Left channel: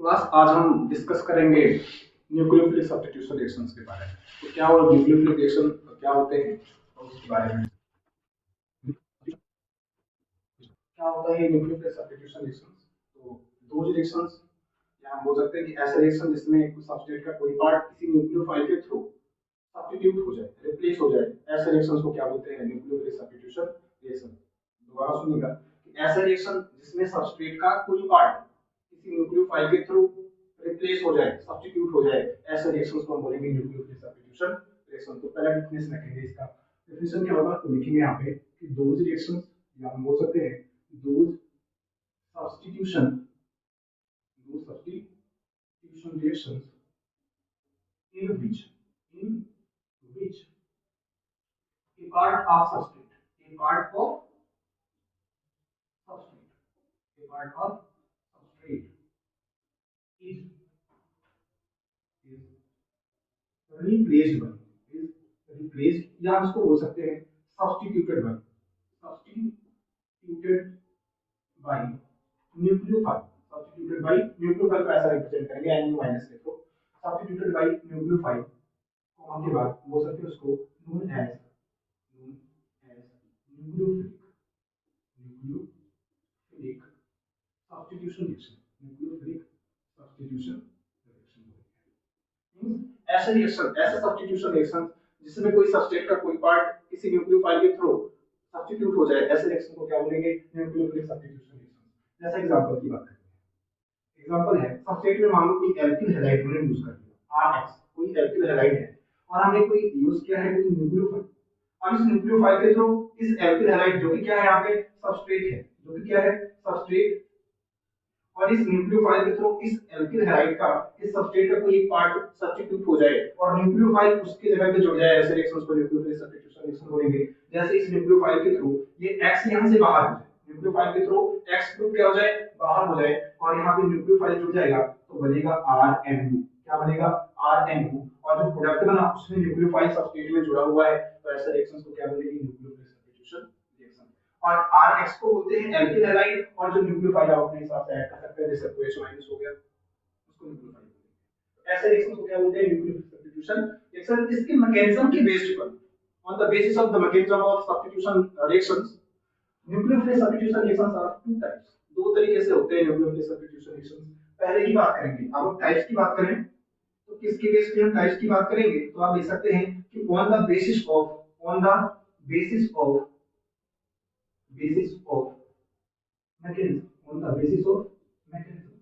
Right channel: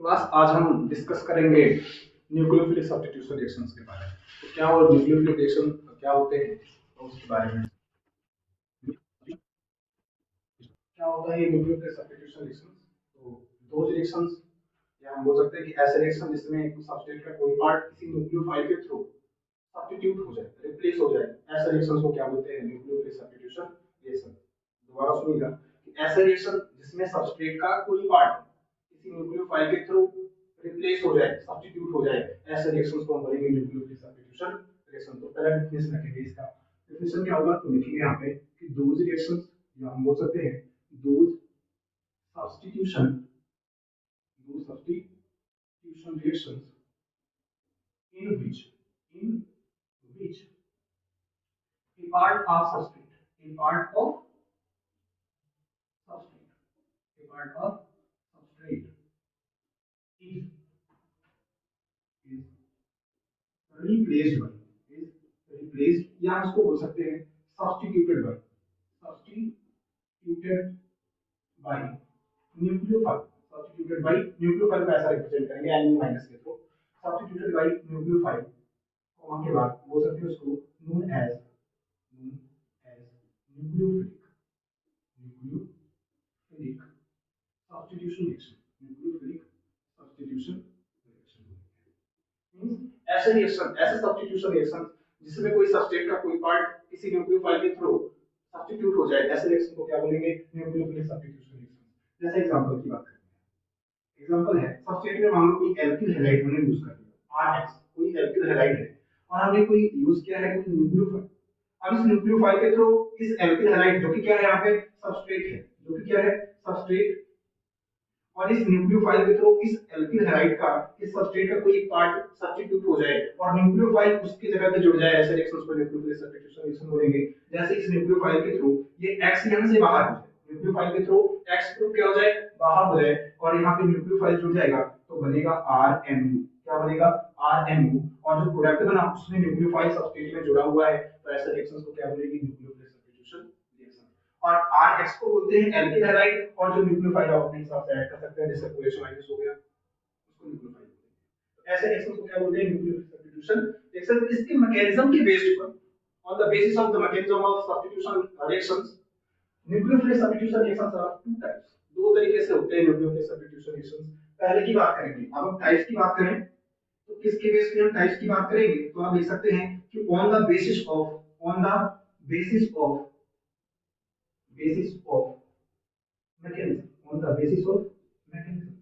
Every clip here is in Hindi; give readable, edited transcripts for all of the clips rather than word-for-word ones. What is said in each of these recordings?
क्लास आज हम डिस्कस करेंगे न्यूक्लियोफिलिक सब्स्टिट्यूशन रिएक्शंस के बारे में। तो क्या वो न्यूक्लियोफिलिक रिएक्शन क्या होते हैं तो उसके बारे में क्या होता है न्यूक्लियोफिलिक सब्स्टिट्यूशन रिएक्शंस। तो दो रिएक्शंस या हम बोल सकते हैं कि ऐसे रिएक्शन जिसमें सबस्ट्रेट का कोई पार्ट किसी न्यूक्लियोफाइल के थ्रू सब्स्टिट्यूट हो जाए, रिप्लेस हो जाए, ऐसे रिएक्शंस को क्या बोलते हैं न्यूक्लियोफिलिक सब्स्टिट्यूशन रिएक्शन। दोबारा सुनिएगा कि ऐसे रिएक्शन जिसमें सबस्ट्रेट का कोई पार्ट किसी न्यूक्लियोफाइल के थ्रू रिप्लेस हो जाए, सब्स्टिट्यूट हो जाए, ऐसे रिएक्शंस को हम बोलेंगे न्यूक्लियोफिलिक सब्स्टिट्यूशन रिएक्शन। तो पहला डेफिनेशन रखेंगे इसका। डेफिनेशन क्या होगा तो लिखेंगे यहाँ पे कि दोज रिएक्शंस या हम बोल सकते हैं those substitution reactions in which a part of substrate a part of substrate is replaced by या इसको बोल सकते हैं substituted by nucleophile. substituted by nucleophile को ऐसा रिप्रेजेंट करेंगे Nu माइनस के through. substituted by nucleophile comma के बाद बोल सकते हैं उसको known as nucleophilic substitution reaction। Nucleophilic substitution reaction ऐसे रिएक्शन, ऐसे सब्स्टिट्यूशन रिएक्शन जिसमें कोई सबस्ट्रेट का कोई पार्ट किसी न्यूक्लियोफाइल के थ्रू सब्स्टिट्यूट हो जाए, ऐसे रिएक्शन को क्या बोलेंगे न्यूक्लियोफिलिक सब्स्टिट्यूशन रिएक्शन। जैसे एग्जांपल की बात करें, एग्जांपल है सबस्ट्रेट में मान लो कोई एल्किल हैलाइड हमने यूज कर दिया Rx, कोई एल्किल हैलाइड है और हमने कोई यूज किया है कोई न्यूक्लियोफाइल। अब इस न्यूक्लियोफाइल के थ्रू इस एल्किल हैलाइड जो कि क्या है यहाँ पे सबस्ट्रेट है, जो कि क्या है सबस्ट्रेट, और इस न्यूक्लियोफाइल के थ्रू इस एल्किल हैलाइड का इस सबस्ट्रेट का कोई एक पार्ट सब्स्टिट्यूट हो जाए और न्यूक्लियोफाइल उसके जगह पे जुड़ जाए, ऐसे रिएक्शंस को न्यूक्लियोफिलिक सब्स्टिट्यूशन रिएक्शन बोलेंगे। जैसे इस न्यूक्लियोफाइल के थ्रू ये X यहां से बाहर हो जाए, न्यूक्लियोफाइल के थ्रू X ग्रुप क्या हो जाए बाहर हो जाए और यहां पे न्यूक्लियोफाइल जुड़ जाएगा तो बनेगा RNU। क्या बनेगा RNU, और जो प्रोडक्ट बना उसमें न्यूक्लियोफाइल सबस्ट्रेट में जुड़ा हुआ है, तो ऐसे रिएक्शंस को क्या बोलेंगे न्यूक्लियोफिलिक सब्स्टिट्यूशन रिएक्शन। और Rx को बोलते हैं एल्किल हैलाइड, और जो न्यूक्लियोफाइल आप अपने हिसाब से ऐड कर सकते हैं, जैसे OH- हो गया उसको न्यूक्लियोफाइल बोलते हैं। ऐसे रिएक्शंस को क्या बोलते हैं न्यूक्लियोफिलिक सब्स्टिट्यूशन रिएक्शन। इसके मैकेनिज्म के बेस्ड पर, on the basis of the mechanism of substitution reactions, nucleophilic substitution reactions are of two types। दो तरीके से होते हैं nucleophilic substitution reactions। पहले की बात करेंगे, अब हम टाइप्स की बात करें तो किसके बेस पे हम टाइप्स की बात करेंगे, तो आप लिख सकते हैं कि on the basis of mechanism।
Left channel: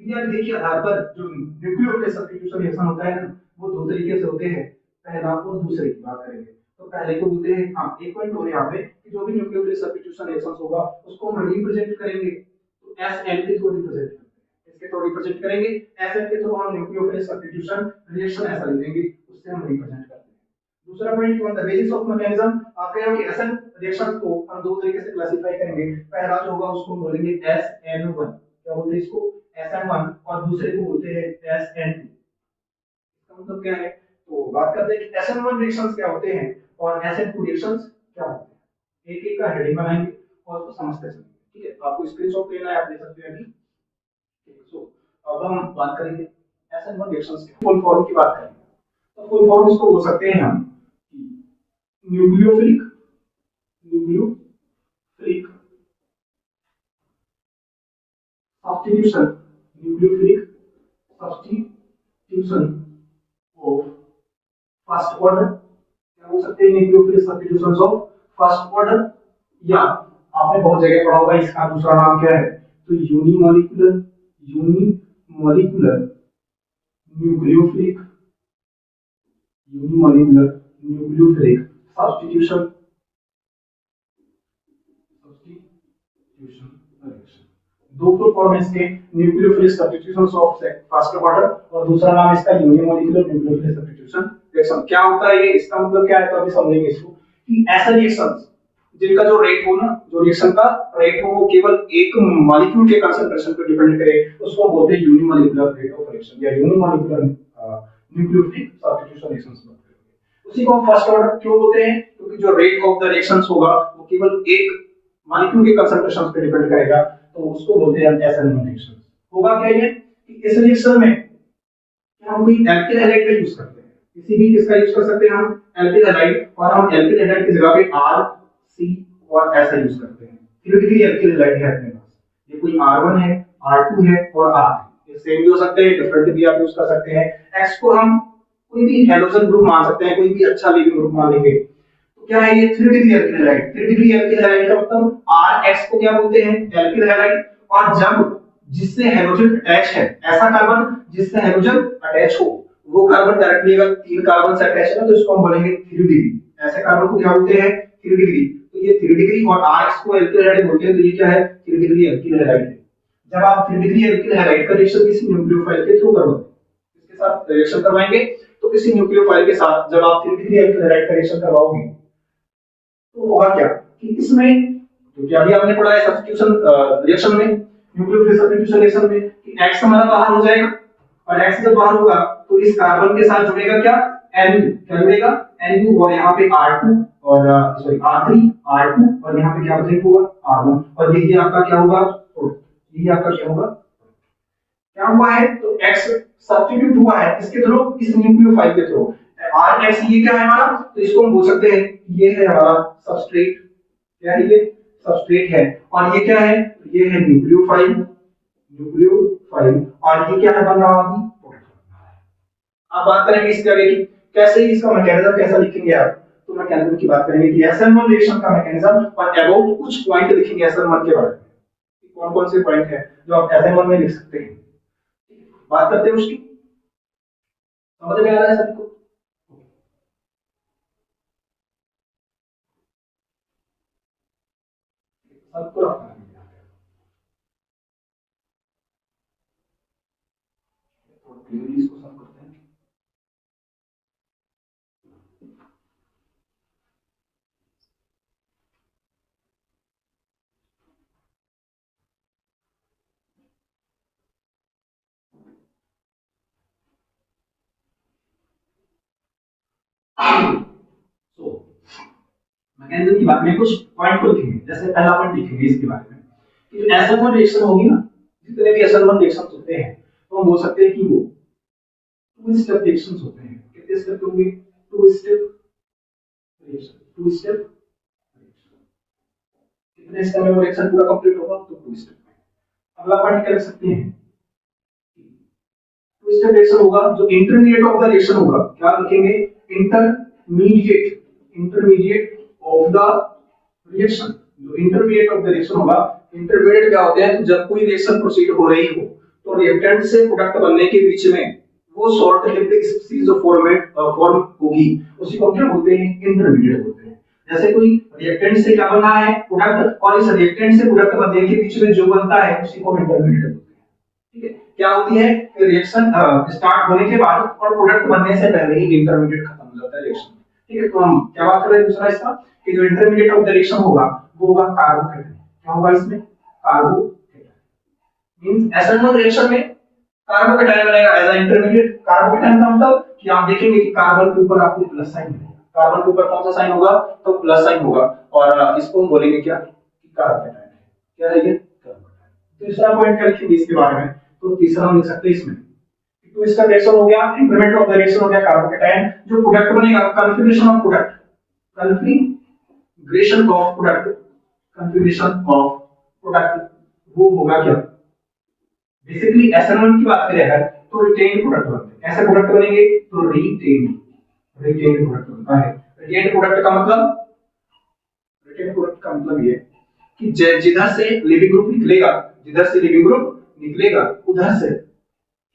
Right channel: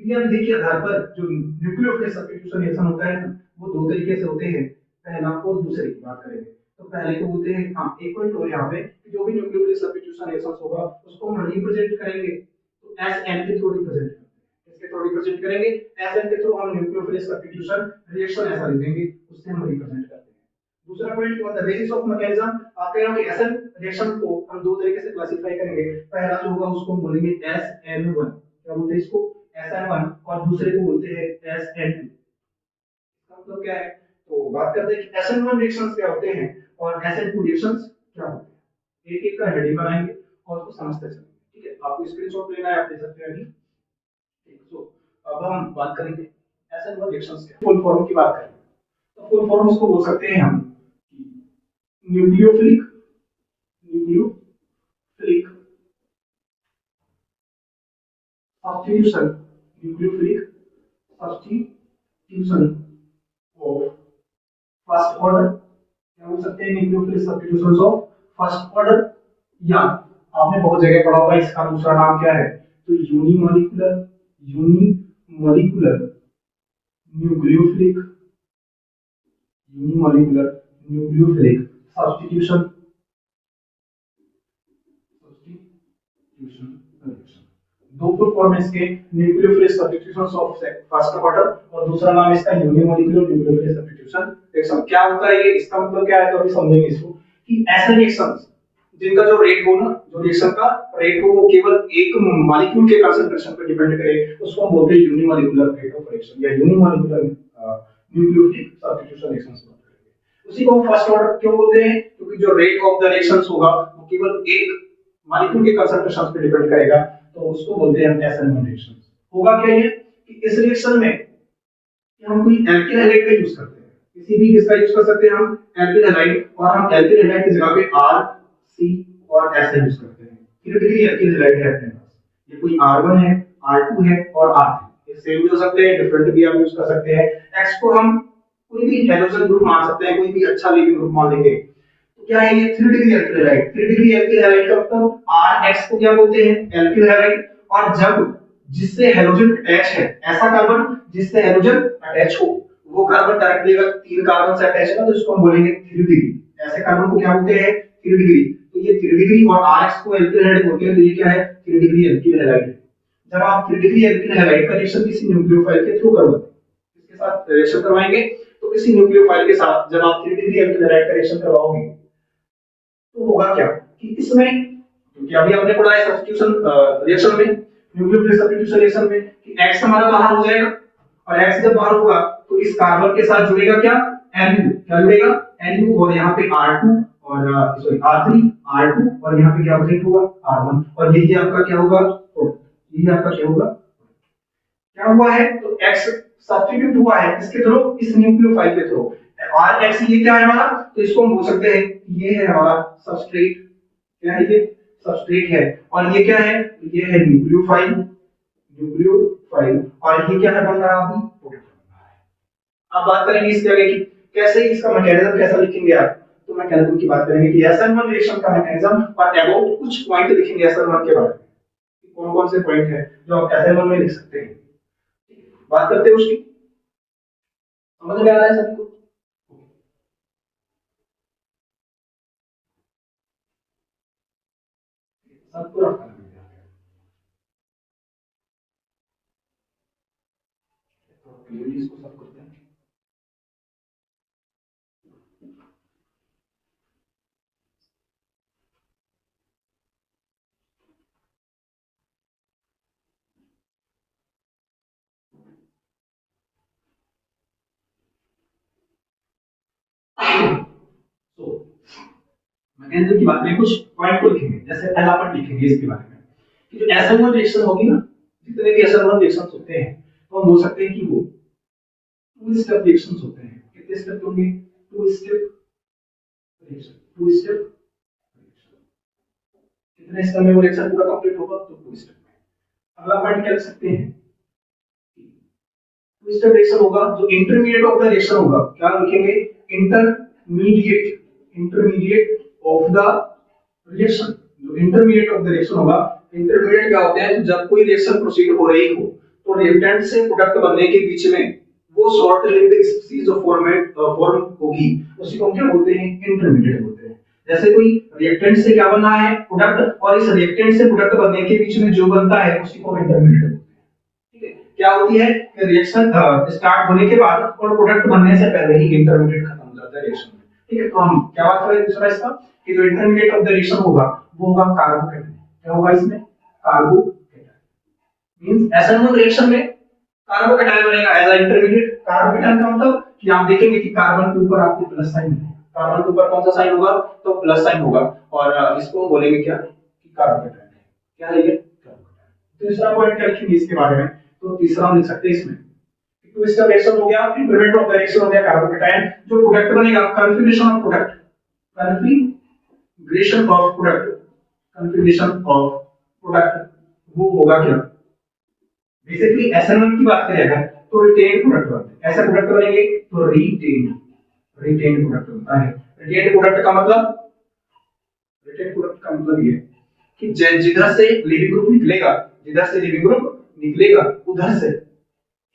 क्योंकि अब देखिए आधार पर जो न्यूक्लियोफिलिक सब्स्टिट्यूशन रिएक्शन होता है वो दो तरीके से होते हैं, पहला और दूसरे की बात करेंगे। तो पहले को बोलते हैं हां एक पॉइंट और यहां पे कि जो भी न्यूक्लियोफिलिक सब्स्टिट्यूशन रिएक्शंस होगा उसको हम रिप्रेजेंट करेंगे तो Sn के थ्रू रिप्रेजेंट करते हैं। इसके थ्रू रिप्रेजेंट करेंगे Sn के थ्रू हम न्यूक्लियोफिलिक सब्स्टिट्यूशन रिएक्शन ऐसा लिख देंगे, उससे हम रिप्रेजेंट करते हैं। दूसरा point on the basis of mechanism, आप कह रहे हो कि Sn रिएक्शन को हम दो तरीके से क्लासिफाई करेंगे। पहला जो होगा उसको हम बोलेंगे SN1, क्या बोलते हैं इसको SN1, और दूसरे को बोलते हैं SN2। इसका मतलब क्या है, तो बात करते हैं कि SN1 रिएक्शंस क्या होते हैं और SN2 रिएक्शंस क्या होते हैं। एक एक का हेडिंग बनाएंगे और उसको समझते चलेंगे, ठीक है। आपको स्क्रीनशॉट लेना है, आप ले सकते हैं अभी। सो अब हम बात करेंगे SN1 रिएक्शंस के फुल फॉर्म की बात करेंगे। तो फुल फॉर्म इसको बोल सकते हैं हम nucleophilic substitution nucleophilic substitution of first order। क्या बोल सकते हैं nucleophilic substitutions of first order, या आपने बहुत जगह पढ़ा होगा इसका दूसरा नाम क्या है, तो यूनिमॉलिक्यूलर न्यूक्लियोफिलिक सब्स्टिट्यूशन दो फुल फॉर्म इसके nucleophilic substitutions of first order और दूसरा नाम इसका यूनिमॉलिक्यूलर न्यूक्लियोफिलिक सब्स्टिट्यूशन रिएक्शन। क्या होता है ये, इसका मतलब क्या है, तो अभी समझेंगे इसको कि ऐसे रिएक्शंस जिनका जो रेट हो ना, जो रिएक्शन का रेट हो वो केवल एक मॉलिक्यूल के कंसंट्रेशन पर डिपेंड करे, उसको हम बोलते हैं यूनिमॉलिक्यूलर रेट ऑफ रिएक्शन या यूनिमॉलिक्यूलर न्यूक्लियोफिलिक सब्स्टिट्यूशन रिएक्शंस बात करेंगे। उसी को फर्स्ट ऑर्डर क्यों बोलते हैं, क्योंकि जो रेट ऑफ द रिएक्शंस होगा वो केवल एक मॉलिक्यूल के कंसंट्रेशन पे डिपेंड करेगा, तो उसको बोलते हैं हम SN1 रिएक्शंस। होगा क्या ये कि इस रिएक्शन में हम कोई एल्किल हैलाइड का यूज करते हैं, किसी भी किसका यूज कर सकते हैं हम, एल्किल हैलाइड, और हम एल्किल हैलाइड की जगह पे आर सी और एस यूज करते हैं। थियोरेटिकली एल्किल हैलाइड है अपने पास, ये कोई R1 है, R2 है और R3, ये सेम भी हो सकते हैं, डिफरेंट भी आप यूज कर सकते हैं। एक्स को हम कोई भी हैलोजन ग्रुप मान सकते हैं, कोई भी अच्छा लिविंग ग्रुप मान लेंगे। तो क्या है ये 3 degree alkyl halide, 3 degree alkyl halide का मतलब Rx को क्या बोलते हैं, एल्किल हैलाइड। और जब जिससे हैलोजन अटैच है, ऐसा कार्बन जिससे हैलोजन अटैच हो, वो कार्बन डायरेक्टली अगर 3 कार्बन से अटैच है तो इसको हम बोलेंगे 3 डिग्री, ऐसे कार्बन को क्या बोलते हैं 3 डिग्री। तो ये 3 डिग्री और Rx को एल्किल हैलाइड बोलते हैं, तो ये क्या है 3 डिग्री एल्किल हैलाइड है। जब आप 3 डिग्री एल्किल हैलाइड का रिएक्शन किसी न्यूक्लियोफाइल के थ्रू करवाते हैं, इसके साथ रिएक्शन करवाएंगे, तो किसी न्यूक्लियोफाइल के साथ जब आप 3 डिग्री एल्किल हैलाइड का रिएक्शन करवाओगे तो होगा क्या कि इसमें, क्योंकि अभी आपने पढ़ा है सब्स्टिट्यूशन रिएक्शन में, न्यूक्लियोफिलिक सब्स्टिट्यूशन रिएक्शन में कि X हमारा बाहर हो जाएगा, और X जब बाहर होगा तो इस कार्बन के साथ जुड़ेगा क्या Nu, क्या जुड़ेगा Nu, और यहाँ पे R2 और सॉरी R3 R2 और यहाँ पे क्या प्रेजेंट होगा R1, और यही आपका क्या होगा, यही आपका क्या होगा, क्या हुआ है तो X सब्स्टिट्यूट हुआ है इसके थ्रू, इस न्यूक्लियोफाइल के थ्रू। Rx ये क्या है हमारा, तो इसको हम बोल सकते हैं ये है हमारा सबस्ट्रेट, क्या है ये सबस्ट्रेट है, और ये क्या है, ये है न्यूक्लियोफाइल, न्यूक्लियोफाइल, और ये क्या है बन रहा अभी प्रोडक्ट बन रहा है। अब बात करेंगे इसके आगे की कैसे इसका मैकेनिज्म कैसा लिखेंगे आप, तो मैकेनिज्म की बात करेंगे कि SN1 रिएक्शन का मैकेनिज्म और अबाउट कुछ पॉइंट लिखेंगे SN1 के बारे में, कौन कौन से पॉइंट है जो आप SN1 में लिख सकते हैं, बात करते हैं उसकी, समझ में आ रहा है सभी को। सबको रखना है, तो क्लियरली इसको सब करते हैं। तो मैकेनिज्म की बात में कुछ पॉइंट को लिखेंगे, जैसे पहला पॉइंट लिखेंगे इसके बारे में कि जो SN1 रिएक्शन होगी ना, जितने भी SN1 रिएक्शंस होते हैं तो हम बोल सकते हैं कि वो टू स्टेप रिएक्शंस होते हैं। कितने स्टेप होंगे, two step reaction, two step reaction, कितने स्टेप में वो रिएक्शन पूरा कंप्लीट होगा, तो टू स्टेप में। अगला पॉइंट क्या लिख सकते हैं, टू स्टेप रिएक्शन होगा, जो इंटरमीडिएट ऑफ द रिएक्शन होगा, क्या लिखेंगे intermediate, intermediate of the reaction, जो इंटरमीडिएट ऑफ द रिएक्शन होगा। इंटरमीडिएट क्या होते हैं, जब कोई रिएक्शन प्रोसीड हो रही हो तो रिएक्टेंट से प्रोडक्ट बनने के बीच में वो शॉर्ट लिव्ड स्पीसीज जो फॉर्म होगी उसी को हम क्या बोलते हैं, इंटरमीडिएट बोलते हैं। जैसे कोई रिएक्टेंट से क्या बना है प्रोडक्ट, और इस रिएक्टेंट से प्रोडक्ट बनने के बीच में जो बनता है उसी को हम इंटरमीडिएट बोलते हैं। ठीक है, क्या होती है रिएक्शन स्टार्ट होने के बाद और प्रोडक्ट बनने से पहले ही इंटरमीडिएट खत्म हो जाता है रिएक्शन में। ठीक है, तो हम क्या बात कर रहे हैं दूसरा इसका कि जो इंटरमीडिएट ऑफ द रिएक्शन होगा वो होगा कार्बोकेटायन। क्या होगा इसमें, कार्बोकेटायन, मींस SN1 रिएक्शन में कार्बोकेटायन बनेगा एज अ इंटरमीडिएट। कार्बोकेटायन का मतलब कि आप देखेंगे कि कार्बन के ऊपर आपको प्लस साइन मिलेगा, कार्बन के ऊपर कौन सा साइन होगा, तो प्लस साइन होगा, और इसको हम बोलेंगे क्या कि कार्बोकेटायन है। क्या है ये, कार्बोकेटायन। तीसरा पॉइंट क्या लिखेंगे इसके बारे में, तो तीसरा हम लिख सकते हैं इसमें तो इसका रिएक्शन हो गया, इंटरमीडिएट ऑफ द रिएक्शन हो गया कार्बोकेटायन, जो प्रोडक्ट बनेगा configuration of product, configuration of product, configuration of product वो होगा क्या, बेसिकली SN1 की बात करें अगर तो रिटेन प्रोडक्ट बनते हैं, ऐसे प्रोडक्ट बनेंगे तो रिटेन, रिटेन प्रोडक्ट बनता है। रिटेन प्रोडक्ट का मतलब, रिटेन प्रोडक्ट का मतलब ये कि जिधर से लिविंग ग्रुप निकलेगा, जिधर से लिविंग ग्रुप निकलेगा उधर से